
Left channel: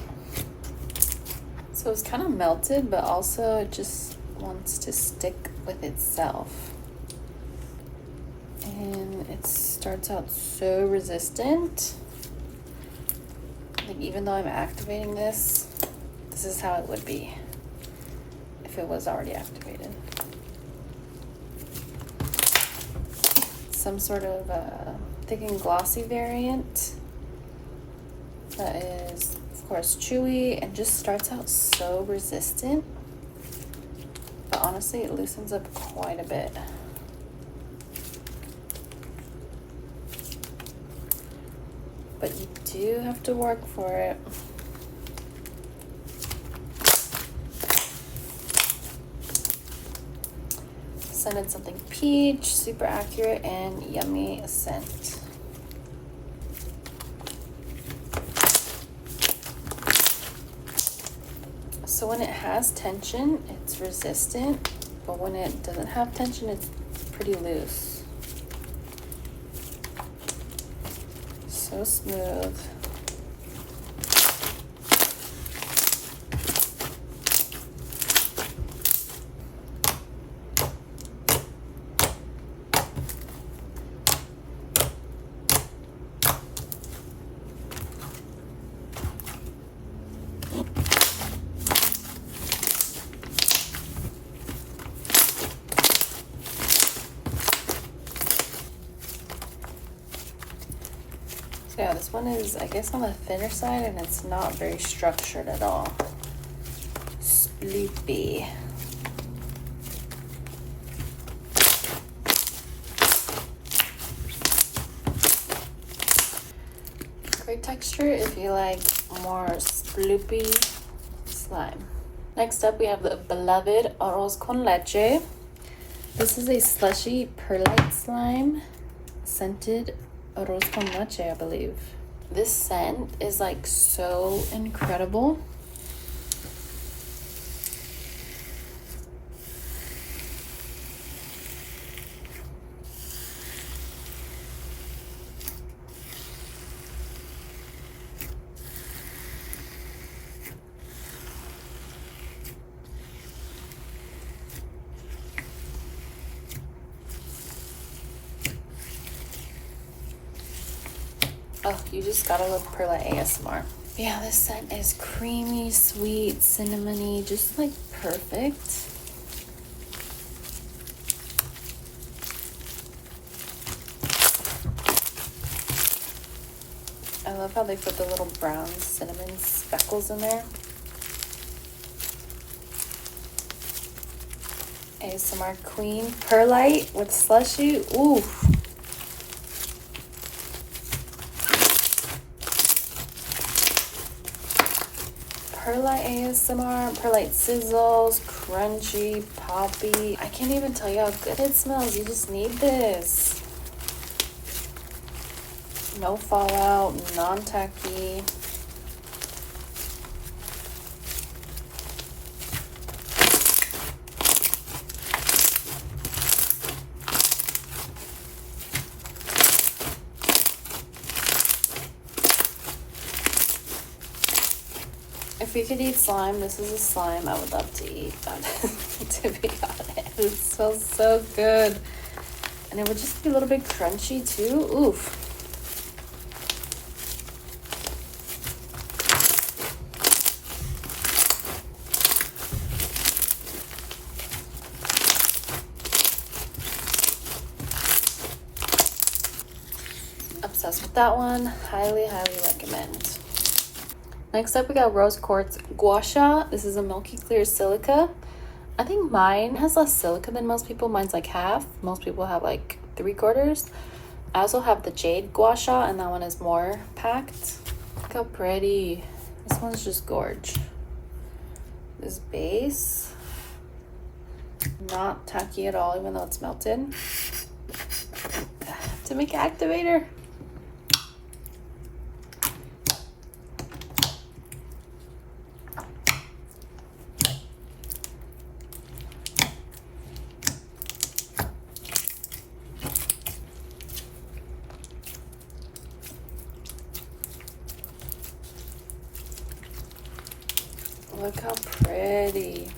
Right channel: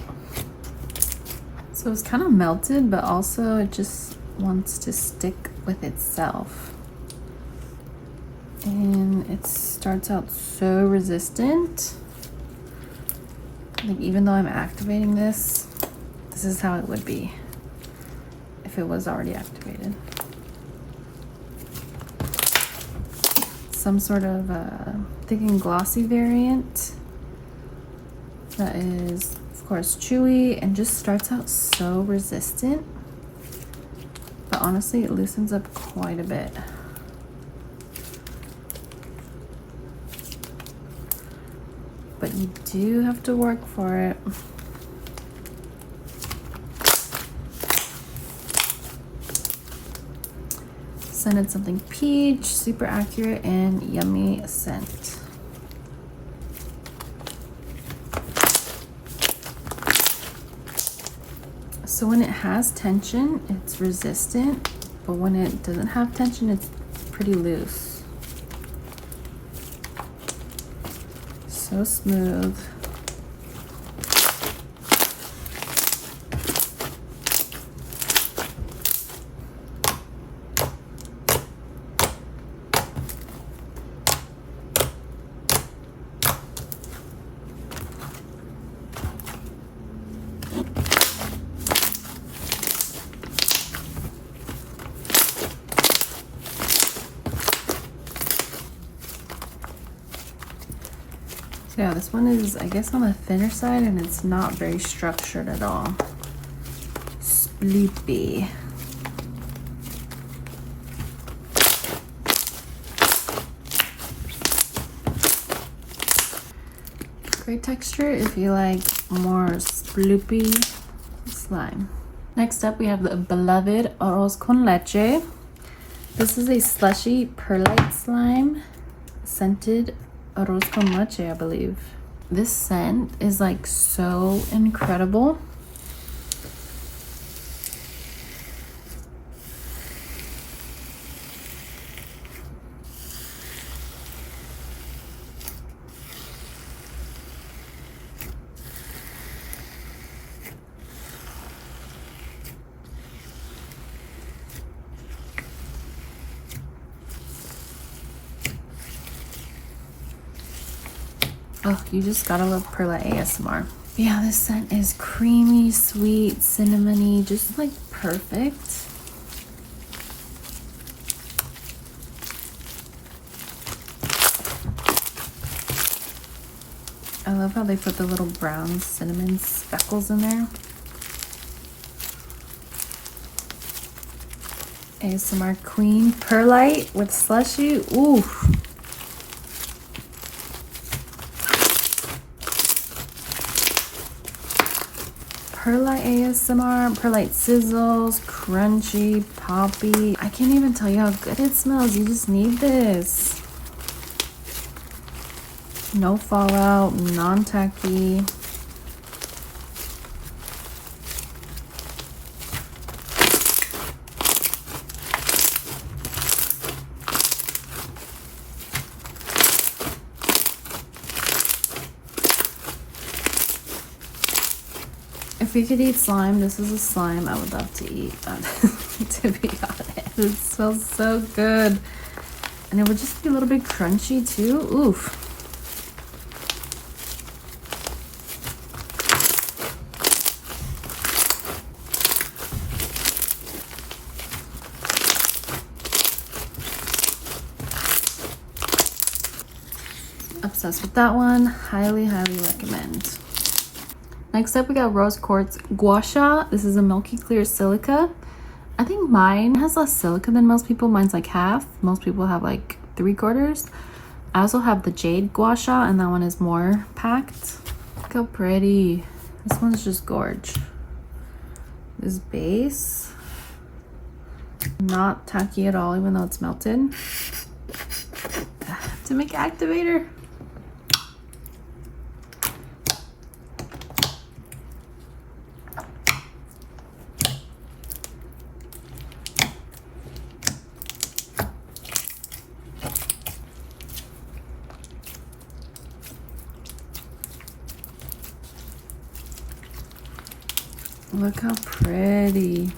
So it's kind of melted, but also it just wants to stick with itself. And it starts out so resistant. Like, even though I'm activating this, this is how it would be if it was already activated. Some sort of thick and glossy variant that is, of course, chewy and just starts out so resistant. But honestly, it loosens up quite a bit. But you do have to work for it. Scented something peach, super accurate and yummy scent. So when it has tension, it's resistant, but when it doesn't have tension, it's pretty loose. So smooth. Yeah, this one is, I guess, on the thinner side, and it's not very structured at all. Sleepy. Great texture if you like more sploopy slime. Next up, we have the beloved Arroz con Leche. This is a slushy perlite slime, scented Arroz con Leche, I believe. This scent is like so incredible. Oh, you just gotta love perlite ASMR. Yeah, this scent is creamy, sweet, cinnamony, just like perfect. I love how they put the little brown cinnamon speckles in there. ASMR Queen perlite with slushy. Ooh. Perlite ASMR, perlite sizzles, crunchy, poppy. I can't even tell you how good it smells. You just need this. No fallout, non-tacky. If we could eat slime, this is a slime I would love to eat, to be honest. It smells so good. And it would just be a little bit crunchy too. Oof. Obsessed with that one. Highly, highly recommend. Next up, we got Rose Quartz Gouache. This is a milky clear silica. I think mine has less silica than most people. Mine's like half. Most people have like 3/4. I also have the Jade Gouache, and that one is more packed. Look how pretty. This one's just gorge. this base. Not tacky at all, even though it's melted. To make activator. Look how pretty.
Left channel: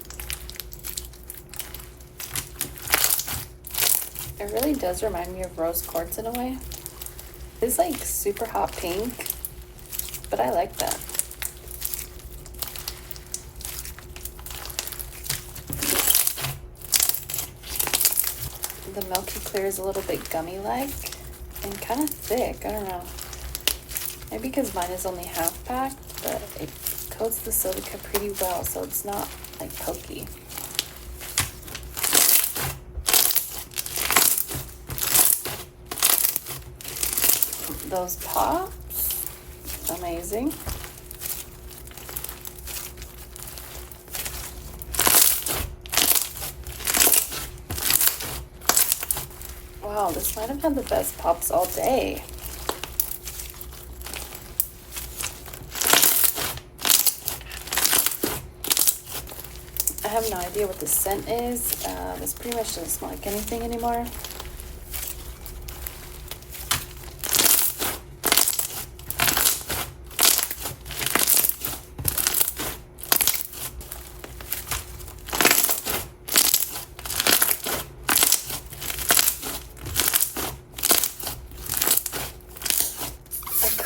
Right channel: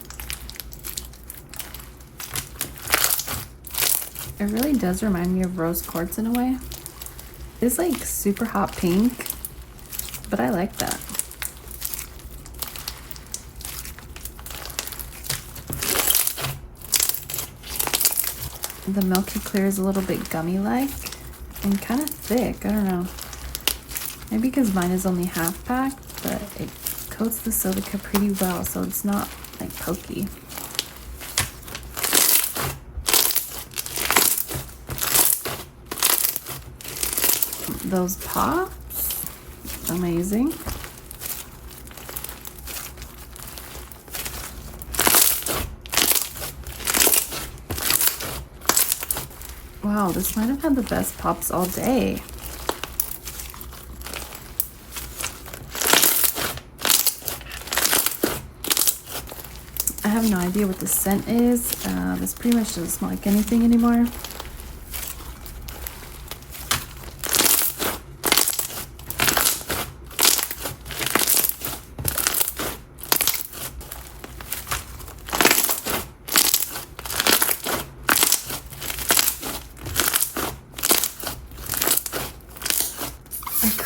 It really does remind me of rose quartz in a way. It's like super hot pink, but I like that. The milky clear is a little bit gummy-like and kind of thick. I don't know. Maybe because mine is only half packed, but it coats the silica pretty well, so it's not like pokey. Those pops, amazing. Wow, this might have had the best pops all day. I have no idea what the scent is. This pretty much doesn't smell like anything anymore.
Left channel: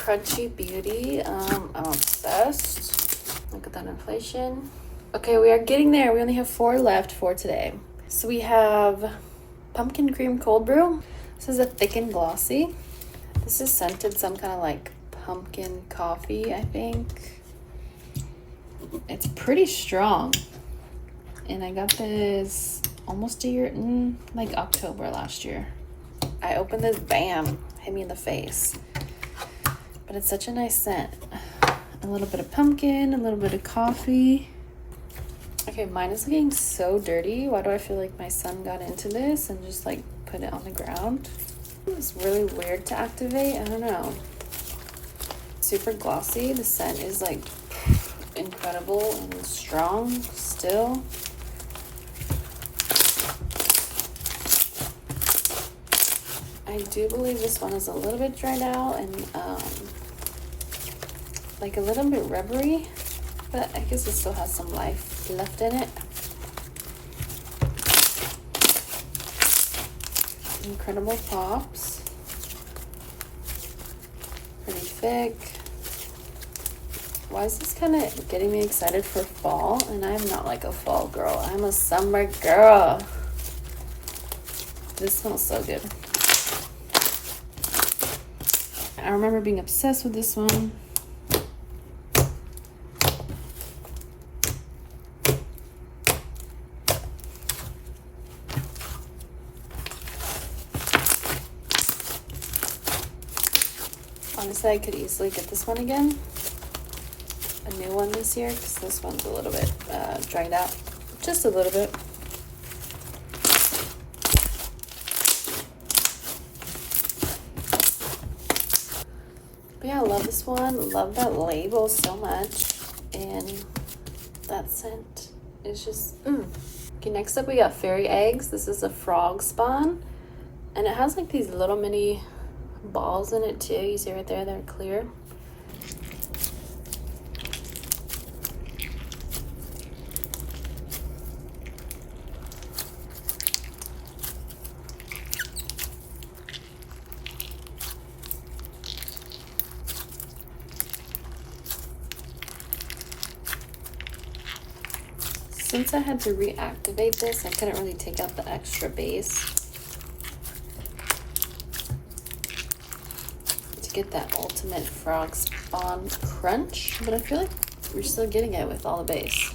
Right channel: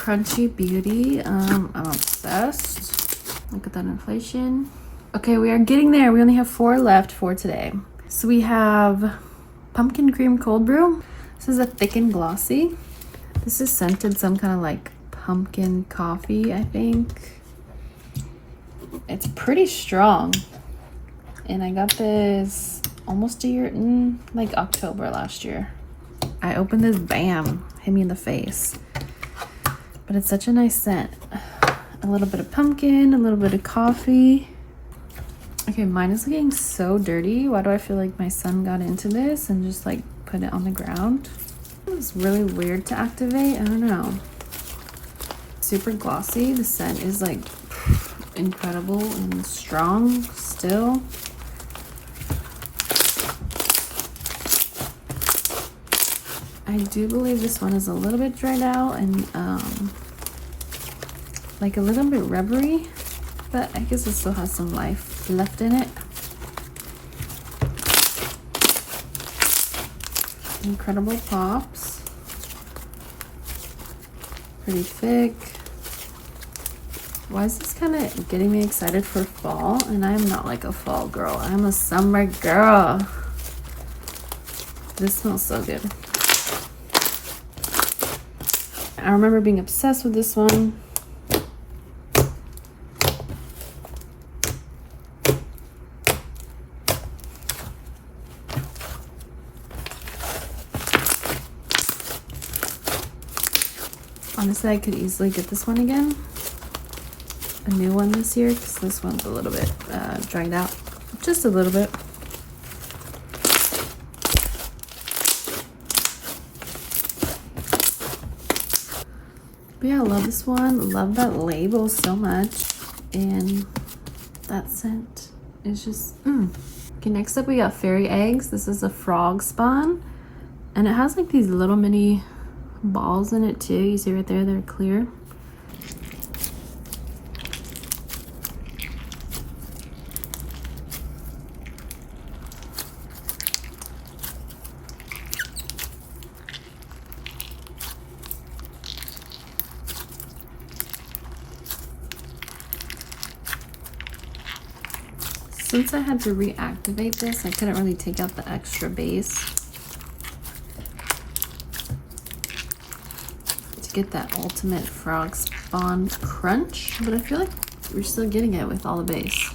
Crunchy beauty. I'm obsessed. Look at that inflation. Okay, we are getting there. We only have 4 left for today. So we have pumpkin cream cold brew. This is a thick and glossy. This is scented some kind of like pumpkin coffee, I think. It's pretty strong. And I got this almost a year, like October last year. I opened this, bam, hit me in the face. But it's such a nice scent. A little bit of pumpkin, a little bit of coffee. Okay, mine is getting so dirty. Why do I feel like my son got into this and just like put it on the ground? It's really weird to activate. I don't know. Super glossy. The scent is like incredible and strong still. I do believe this one is a little bit dried out and like a little bit rubbery, but I guess it still has some life left in it. Incredible pops. Pretty thick. Why is this kind of getting me excited for fall? And I'm not like a fall girl. I'm a summer girl. This smells so good. I remember being obsessed with this one. Honestly, I could easily get this one again. A new one this year, because this one's a little bit dried out. Just a little bit. But yeah, I love this one. Love that label so much. And that scent is just, Okay, next up we got fairy eggs. This is a frog spawn. And it has like these little mini balls in it too. You see right there, they're clear. Since I had to reactivate this, I couldn't really take out the extra base to get that ultimate frog spawn crunch, but I feel like we're still getting it with all the base.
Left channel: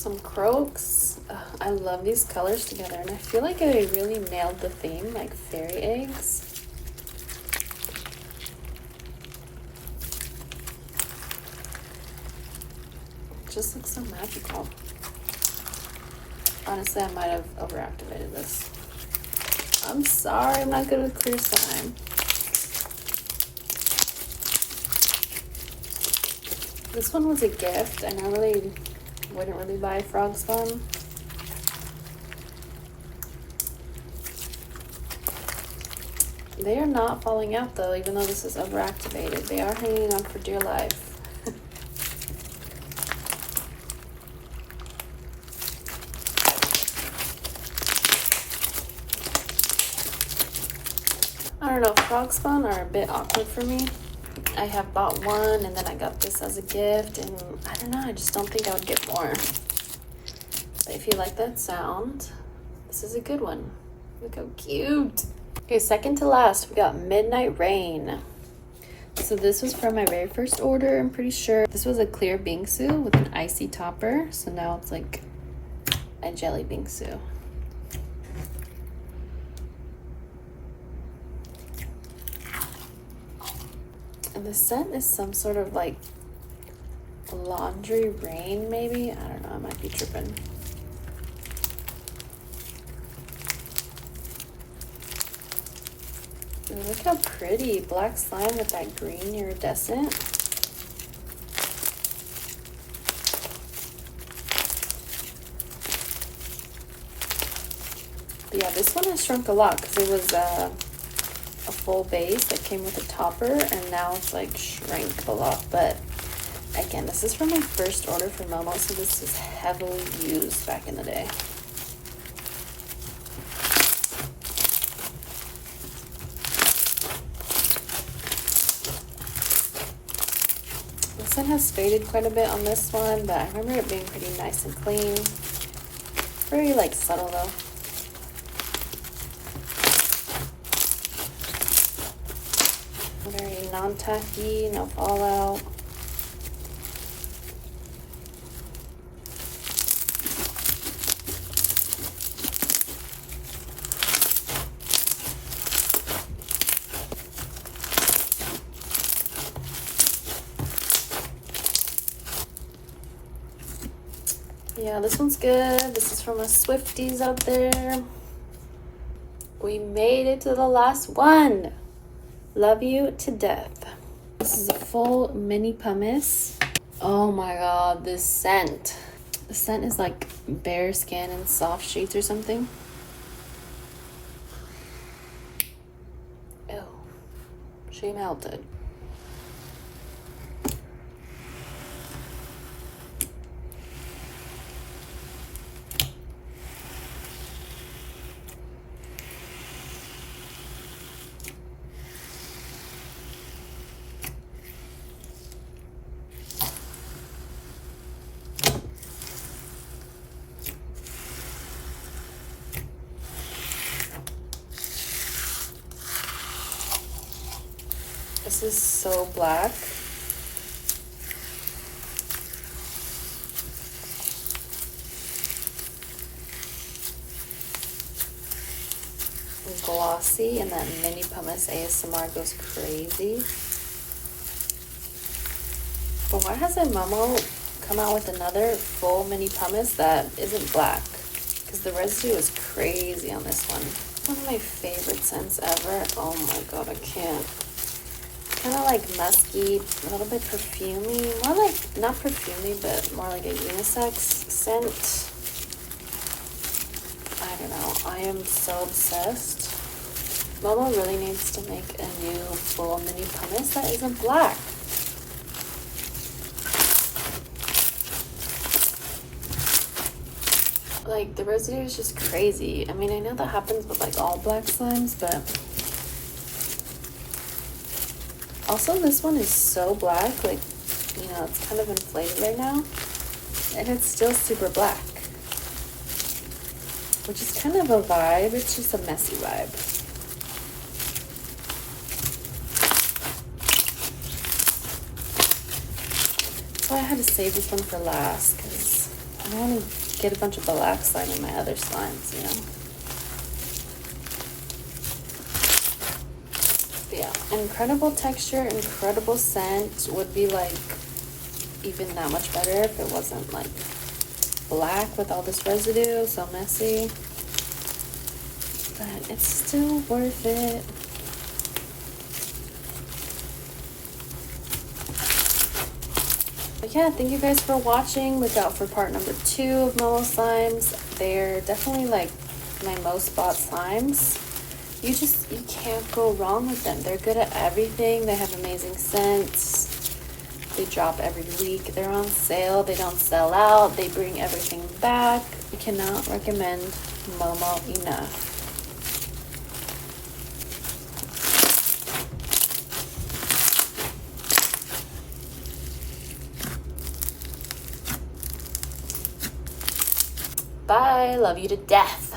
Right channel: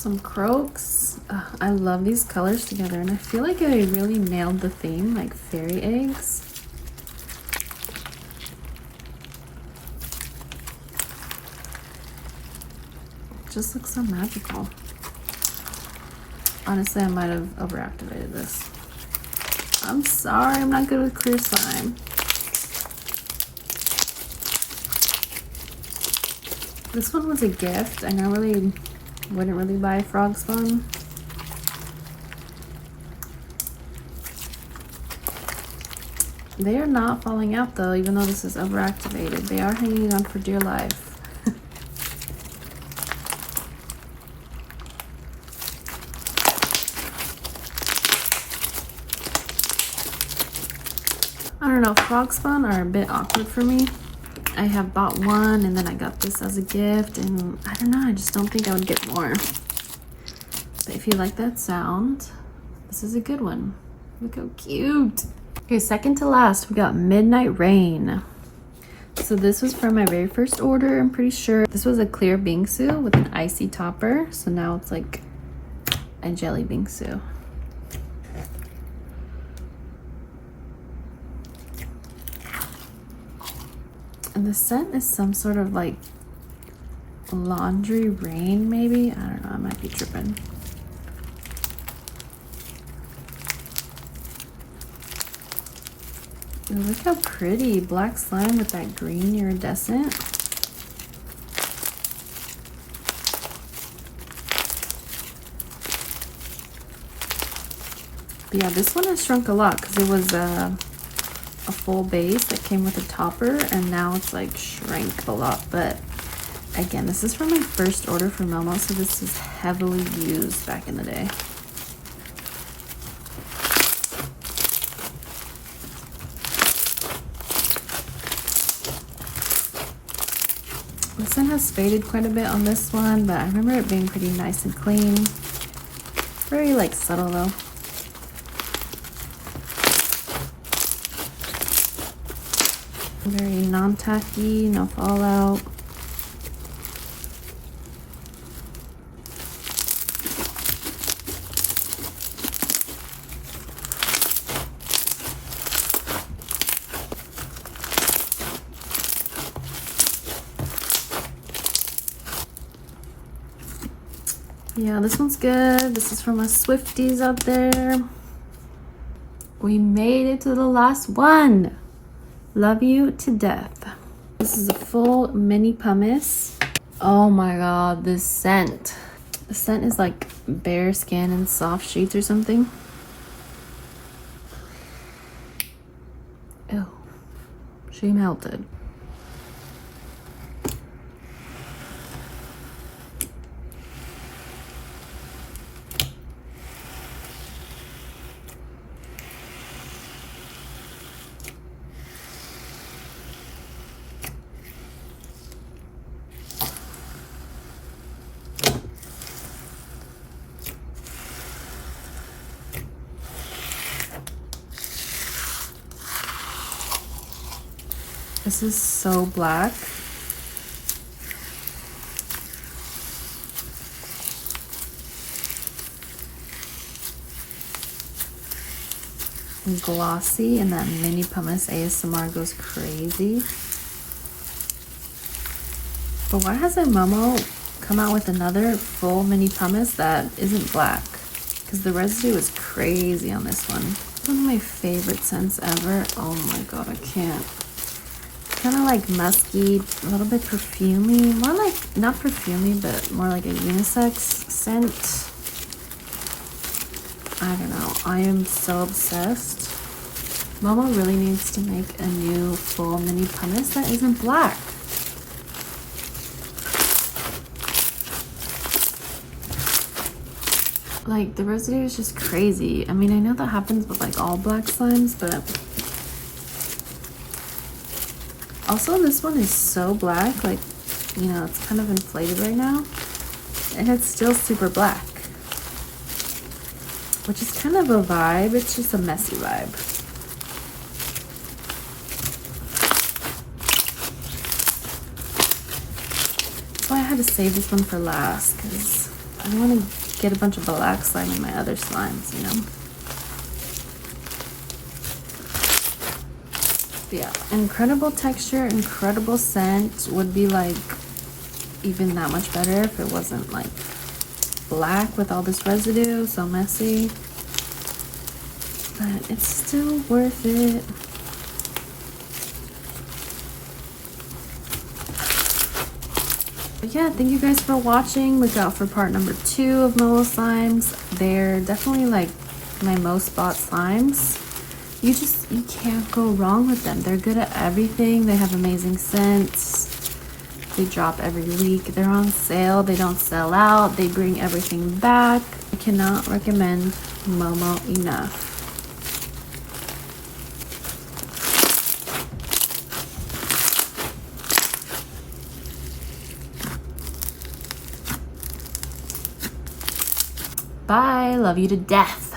Some croaks. I love these colors together, and I feel like I really nailed the theme, like fairy eggs. It just looks so magical. Honestly, I might have overactivated this. I'm sorry, I'm not good with clear slime. This one was a gift. I normally wouldn't really buy frog spawn. They are not falling out though, even though this is overactivated. They are hanging on for dear life. I don't know, frog spawn are a bit awkward for me. I have bought one and then I got this as a gift, and I don't know, I just don't think I would get more. But if you like that sound, this is a good one. Look how cute. Okay, second to last, we got Midnight Rain. So this was from my very first order, I'm pretty sure. This was a clear bingsu with an icy topper. So now it's like a jelly bingsu. And the scent is some sort of like laundry rain, maybe? I don't know, I might be tripping. And look how pretty, black slime with that green iridescent. But yeah, this one has shrunk a lot because it was a full base that came with a topper, and now it's like shrank a lot. But again, this is from my first order from Momo, so this is heavily used back in the day. The scent has faded quite a bit on this one, but I remember it being pretty nice and clean. Very like subtle though. Very non-tacky, no fallout. Yeah, this one's good. This is from us Swifties out there. We made it to the last one. Love you to death. This is a full mini pumice. Oh my god, this scent. The scent is like bare skin and soft sheets or something. Oh, she melted. This is so black. And glossy, and that mini pumice ASMR goes crazy. But why hasn't Momo come out with another full mini pumice that isn't black? Because the residue is crazy on this one. One of my favorite scents ever. Oh my god, I can't. Kind of like musky, a little bit perfumey, more like, not perfumey, but more like a unisex scent. I don't know, I am so obsessed. Momo really needs to make a new full mini pumice that isn't black. Like, the residue is just crazy. I mean, I know that happens with like all black slimes, but also this one is so black, like, you know, it's kind of inflated right now, and it's still super black, which is kind of a vibe. It's just a messy vibe. That's why I had to save this one for last, because I I don't want to get a bunch of black slime in my other slimes, you know? But yeah, incredible texture, incredible scent. Would be like even that much better if it wasn't like black with all this residue, so messy. But it's still worth it. But yeah, thank you guys for watching. Look out for part number 2 of Momo slimes. They're definitely like my most bought slimes. You can't go wrong with them. They're good at everything. They have amazing scents. They drop every week. They're on sale. They don't sell out. They bring everything back. I cannot recommend Momo enough. Bye. Love you to death.